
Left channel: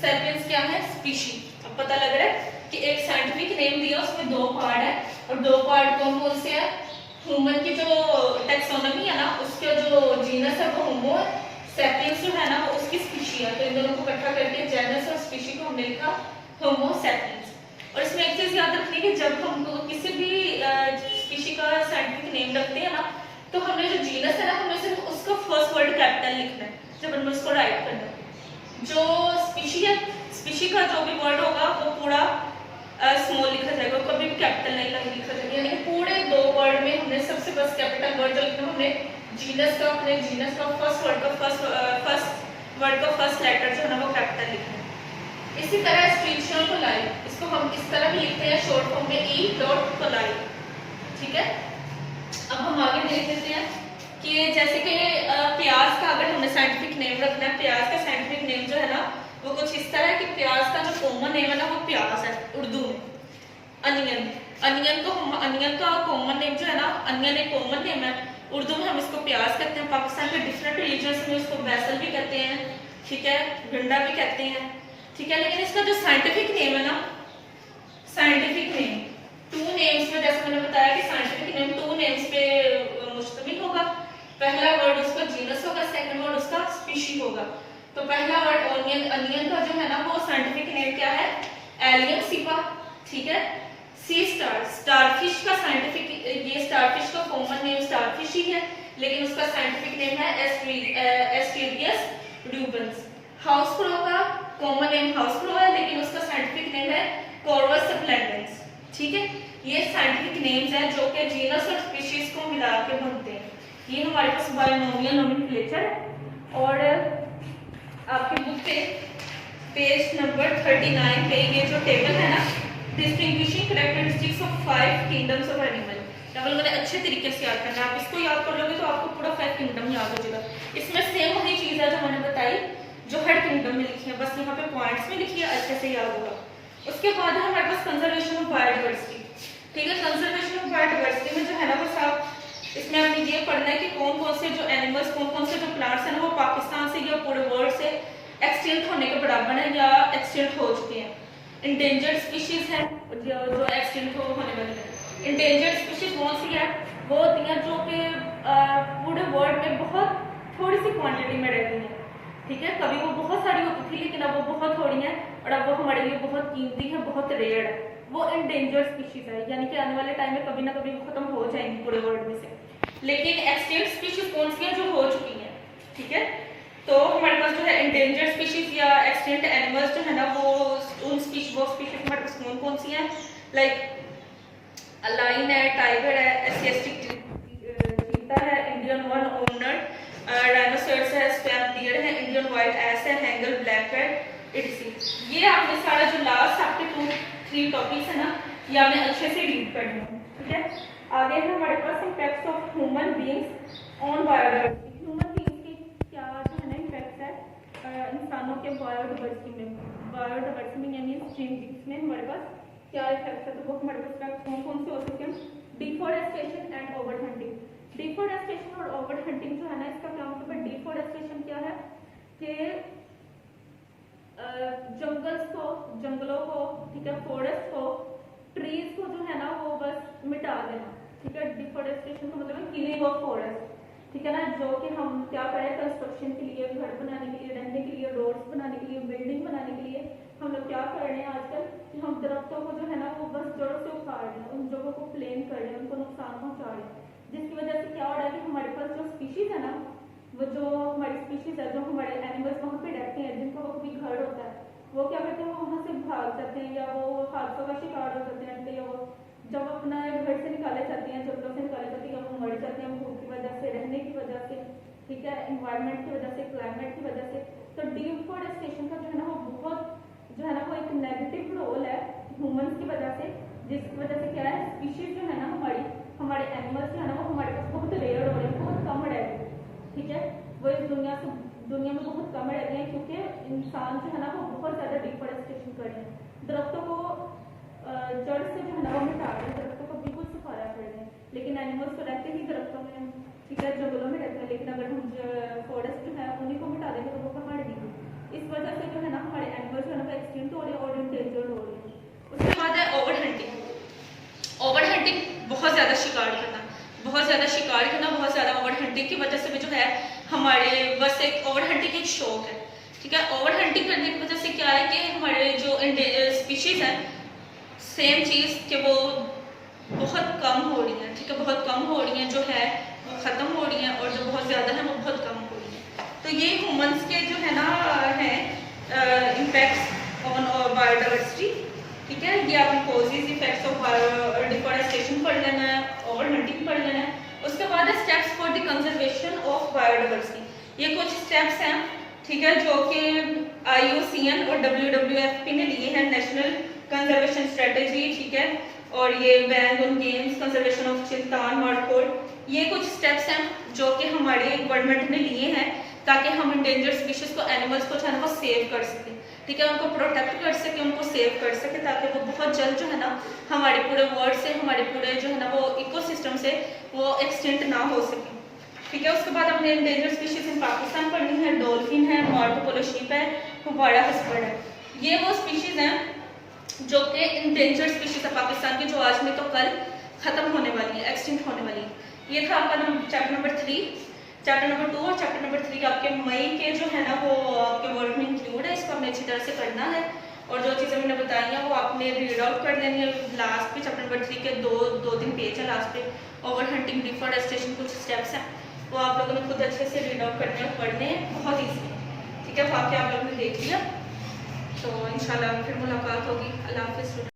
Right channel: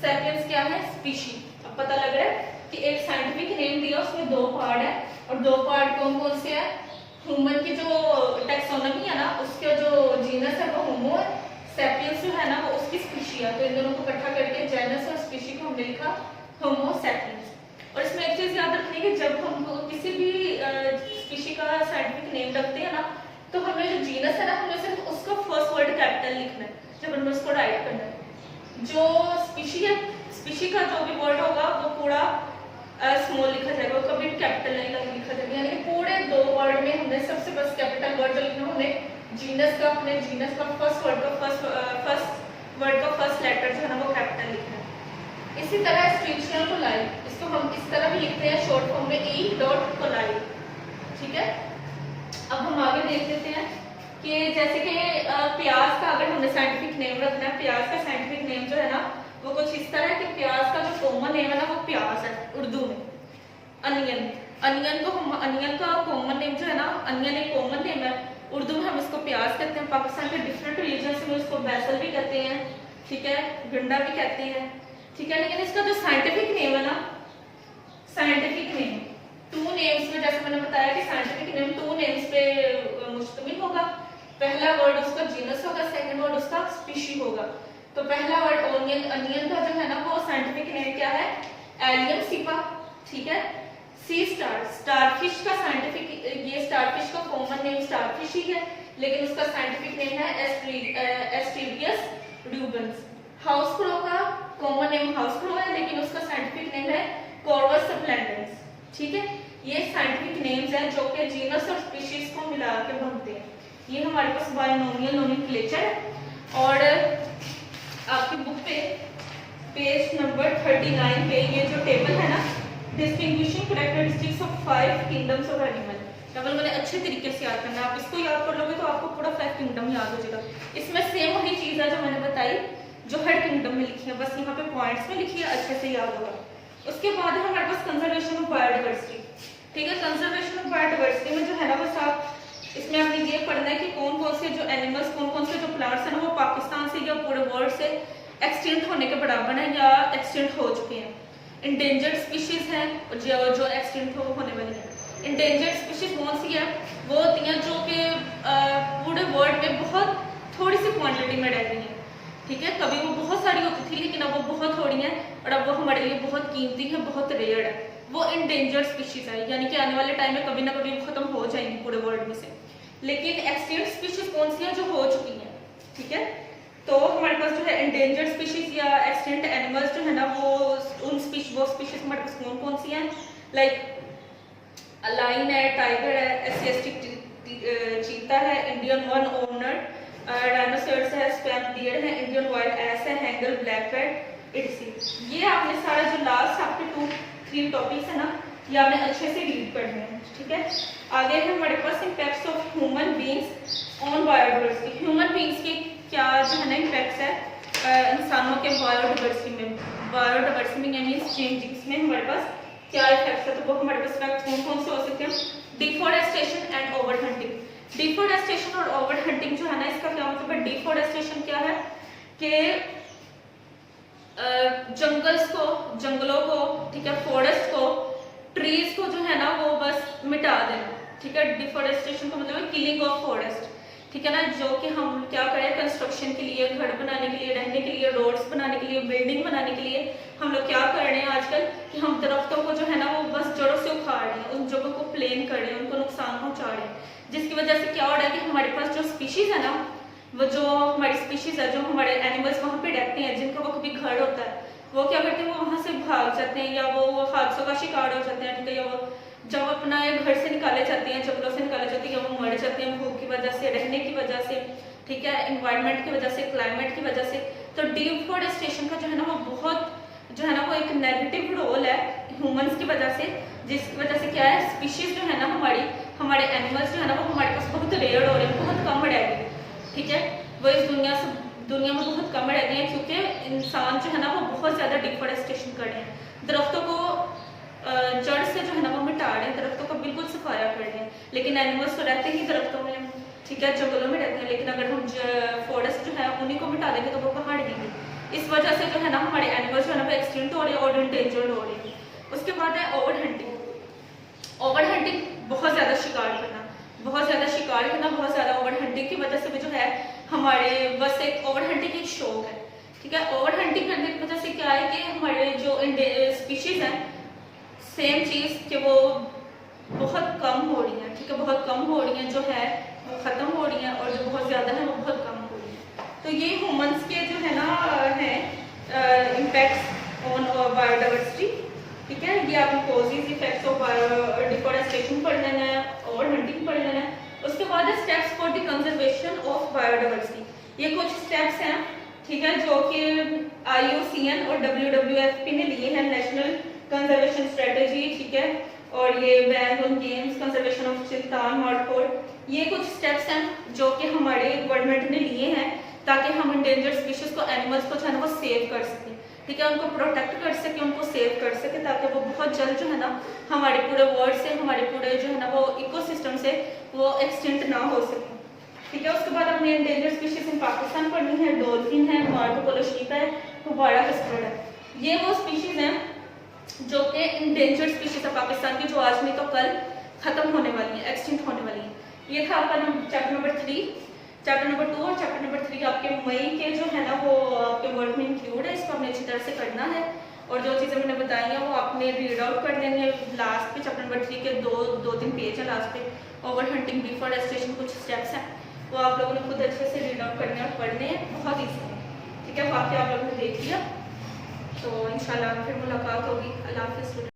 सैपियंस क्या है? स्पीशी। अब पता लग रहा है कि एक साइंटिफिक नेम दिया, उसमें 2 पार्ट है, और 2 पार्ट कौन कौन से है? ह्यूमन की जो टैक्सोनॉमी है ना, उसके जो जीनस है वो होमो, सैपियंस जो है ना वो उसकी स्पीशी है, तो इन दोनों को इकट्ठा करके जीनस और स्पीशी को हमने लिखा होमो सैपियंस। और इसमें एक चीज याद रखनी है कि जब हम किसी भी स्पीशी का साइंटिफिक नेम रखते हैं ना, तो हमने जो जीनस है ना, हमें सिर्फ उसका फर्स्ट वर्ड कैपिटल लिखना है जब हमें उसको राइट करना है। जो स्पीशी है, स्पीशी का जो भी वर्ड होगा वो पूरा स्मॉल लिखा जाएगा, कभी भी कैपिटल नहीं लिखा जाएगा। यानी कि पूरे 2 वर्ड में हमने सबसे फर्स्ट कैपिटल वर्ड जो लिखना है, हमने जीनस का, अपने जीनस का फर्स्ट वर्ड का फर्स्ट लेटर जो है ना वो कैपिटल लिखना है। इसी तरह स्पीशियल कोलाई, इसको हम इस तरह भी लिखते हैं शॉर्ट फॉर्म में ई डॉट कोलाई, ठीक है। अब हम आगे देख लेते हैं कि जैसे कि प्याज का अगर हमने साइंटिफिक नेम रखना है, प्याज का साइंटिफिक नेम जो है ना वो कुछ इस तरह है कि प्याज का जो कॉमन नेम है ना वो प्याज है उर्दू में। अनियन, अनियन का कॉमन नेम जो है ना, अनियन एक कॉमन नेम है, उर्दू में हम इसको प्याज कहते हैं। पाकिस्तान के डिफरेंट रीजन्स में इसको बैसल भी कहते हैं, ठीक है, भिंडा भी कहते हैं, ठीक है। लेकिन इसका जो साइंटिफिक नेम है ना, साइंटिफिक नेम 2 नेम्स में, जैसे मैंने बताया कि साइंटिफिक नेम 2 नेम्स पे मुश्तमिल होगा। पहला वर्ड उसका जीनस होगा, सेकंड वर्ड उसका स्पीशी होगा। तो पहला वर्ड ओनियन, अनियन का जो है ना वो साइंटिफिक नेम क्या है, एलियम सिपा, ठीक है। सी स्टार, स्टारफिश का साइंटिफिक, ये स्टारफिश का कॉमन नेम स्टारफिश ही है, लेकिन उसका साइंटिफिक नेम है एस्टेरियस रूबेंस। हाउस क्रो का कॉमन नेम हाउस क्रो है, लेकिन उसका साइंटिफिक नेम है कॉर्वस स्प्लेंडेंस, ठीक है। ये साइंटिफिक नेम्स हैं जो कि जीनस और स्पीशीज को मिला के बनते हैं। ये हमारे पास बायनोमियल नोमेनक्लेचर है। और आपकी बुक पे पेज नंबर 39 पे ये जो टेबल है ना, distinguishing characteristics of 5 kingdoms of animal, table मैंने अच्छे तरीके से याद करना है। आप इसको याद कर लोगे तो आपको पूरा 5 किंगडम याद हो जाएगा। इसमें सेम वही चीज है जो मैंने बताई जो हर किंगडम में लिखी है, बस यहाँ पे पॉइंट्स में लिखी है, अच्छे से याद होगा। उसके बाद है हमारे पास कंजर्वेशन ऑफ बायोडाइवर्सिटी, ठीक है। कंजर्वेशन ऑफ बायोडाइवर्सिटी में जो है ना वो सब, इसमें आपने ये पढ़ना है कि कौन कौन से जो एनिमल्स, कौन कौन से जो प्लांट्स हैं ना वो पाकिस्तान से या पूरे वर्ल्ड से एक्सटिंक्ट होने के बराबर है या एक्सटिंक्ट हो चुके हैं। इंडेंजर्ड स्पीशीज है जो एक्सटिंक्ट होने वाले हैं। इंडेंजर्ड स्पीशीज कौन सी है, वो होती हैं जो कि पूरे वर्ल्ड में बहुत थोड़ी सी क्वांटिटी में रहती हैं, ठीक है। कभी वो बहुत सारी होती थी लेकिन अब वो बहुत थोड़ी हैं और अब वो हमारे लिए बहुत कीमती है, बहुत रेयर है। वो इंडेंजर्ड स्पीशीज है, यानी कि आने वाले टाइम में कभी ना कभी खत्म हो जाएंगी पूरे वर्ल्ड में से। लेकिन एक्सटिंक्ट स्पीशीज कौन सी हैं, जो हो चुकी हैं, ठीक है। तो हमारे पास जो है इंडेंजर्ड स्पीशीज या एक्सटिंक्ट एनिमल्स जो है ना वो वो स्पीशीज हमारे पास कौन कौन सी हैं, लाइक लाइन है, टाइगर है, एशियाटिक चीता है, इंडियन वन ऑर्नर्ड डायनासोर्स है, स्पैम डियर है, इंडियन वाइल्ड एस है, हैंगल ब्लैक रेड इडसी। ये आपने सारा जो लास्ट आपके 2-3 टॉपिक्स है ना ये आपने अच्छे से रीड करने हैं, ठीक है। आगे है हमारे पास impacts of human beings on biodiversity. Human beings के क्या जो है ना इम्पैक्ट्स है इंसानों के बायोडाइवर्सिटी में, बायोडाइवर्सिटी में यानी चेंजिंग्स में हमारे पास क्या इफेक्ट्स है। तो वो हमारे पास इफेक्ट कौन कौन से हो सकते हैं, deforestation and over hunting. Deforestation और ओवर हंटिंग जो है ना इसका क्या मतलब है। डिफॉरेस्टेशन क्या है कि जंगल्स को, जंगलों को, ठीक है, फॉरेस्ट को, ट्रीज को जो है ना वो बस मिटा देना, ठीक है। डिफॉरेस्टेशन का मतलब है किलिंग ऑफ फॉरेस्ट, ठीक है ना। जो कि हम क्या करें, कंस्ट्रक्शन के लिए, घर बनाने के लिए, रहने के लिए, रोड्स बनाने के लिए, बिल्डिंग बनाने के लिए हम लोग क्या कर रहे हैं आजकल कि हम दरख्तों को जो है ना वो बस जड़ों से उखाड़ रहे हैं, उन जगहों को प्लेन कर रहे हैं, उनको नुकसान पहुंचा रहे हैं, जिसकी वजह से क्या हो रहा है कि हमारे पास जो स्पीशीज है ना, वो जो हमारी स्पीशीज है, जो हमारे एनिमल्स वहाँ पे रहते हैं, जिनका वो कभी घर होता है, वो क्या करते हैं, वो वहाँ से भाग जाते हैं या वो हादसों का शिकार हो जाते हैं, ठीक है। या वो जब अपना घर से निकाले जाते हैं, जंगलों से निकाले जाते हैं, या वो मर जाते हैं भूख की वजह से, रहने की वजह से, ठीक है, एनवायरनमेंट की वजह से, क्लाइमेट की वजह से। तो डिफॉरेस्टेशन का जो है ना वो बहुत जो है ना वो एक नेगेटिव रोल है ह्यूमंस की वजह से, जिसकी वजह से क्या है, स्पीशीज जो है ना हमारे एनिमल्स जो है ना वो हमारे पास बहुत रेयर हो रहे हैं, बहुत कम रह गए, ठीक है। वो इस दुनिया में बहुत कम रह गए हैं क्योंकि इंसान जो है ना वो बहुत ज़्यादा डिफॉरेस्टेशन कर रहे हैं, दरख्तों को जड़ से जो है ना वो मिटा रहे हैं, दरख्तों को बिल्कुल सफाया कर रहे हैं। लेकिन एनिमल्स तो रहते ही दरख्तों में, ठीक है, जंगलों में रहते हैं, लेकिन अगर हम फॉरेस्ट जो है उन्हीं को मिटा देंगे तो वो कहाँ रहेंगे। इस वजह से जो है ना हमारे एनिमल्स जो है ना वो एक्सटिंक्ट हो रहे हैं और इंडेंजर्ड हो रहे हैं। उसके बाद है ओवर हंटिंग। ओवर हंटिंग बहुत ज़्यादा शिकार करना, बहुत ज़्यादा शिकार करना, बहुत ज़्यादा ओवर हंटिंग की वजह से भी जो है हमारे बस एक ओवर हंटिंग एक शौक है, ठीक है। ओवर हंटिंग करने की वजह से क्या है कि हमारे जो स्पीशीज हैं, सेम चीज़ कि वो बहुत कम हो रही हैं, ठीक है, बहुत कम हो रही हैं जो है वो ख़त्म हो रही हैं और जो बहुत ज़्यादा है वो बहुत कम हो रही हैं। तो ये ह्यूमंस के जो है ना हैं इम्पैक्ट्स ऑन बायोडाइवर्सिटी, ठीक है। ये आपने कॉजेज इफेक्ट्स ऑफ डिफॉरेस्टेशन पढ़ लेना है और हंटिंग पढ़ लेना है। उसके बाद है steps for the conservation of biodiversity. ये कुछ स्टेप्स हैं, ठीक है, जो कि IUCN और WWF ने लिए हैं, नेशनल कंजर्वेशन स्ट्रेटजी, ठीक है। और ये ban on games, conservation of Chiltan markhor, ये कुछ स्टेप्स हैं जो कि हमारे गवर्नमेंट ने लिए हैं ताकि हम इंडेंजर्ड स्पीशीज को, एनिमल्स को जो है ना वो सेव कर सकें, ठीक है, उनको प्रोटेक्ट कर सके, उनको सेव कर सके, ताकि वो बहुत जल्द जो है ना हमारे पूरे वर्ल्ड से, हमारे पूरे जो है ना वो इकोसिस्टम से वो एक्सटिंक्ट ना हो सके, ठीक है। उसके बाद अपने इंडेंजर्ड स्पीशीज इन पाकिस्तान पढ़नी है, डॉल्फिन है, मार्को पोलो शीप है, फुवारा हस्बर्ड है। ये वो स्पीशीज हैं जो कि इंडेंजर्ड स्पीशीज है पाकिस्तान की, जो आज में तो कल खत्म होने वाली है, एक्सटिंक्ट होने वाली है। ये था आपका चैप्टर नंबर 3। चैप्टर नंबर 2 और चैप्टर नंबर 3 आपके मई के जो है ना वो आपके वर्क में इंक्लूड है, इसको आपने अच्छी तरह से करना है। और जो चीज़ें मैंने बताई हैं वो आपने रीड आउट कर देनी है। लास्ट पे चैप्टर नंबर 3 के दो तीन पेज है लास्ट पे, ओवर हंटिंग, डिफॉरेस्टेशन, कुछ स्टेप्स हैं, वो आप लोगों ने खुद अच्छे से रीड आउट करने और पढ़ने बहुत ईजी है, ठीक है। वहाँ पे आप लोगों ने देख लिया, तो इंशाल्लाह फिर मुलाकात होगी। अल्लाह हाफ़िज़।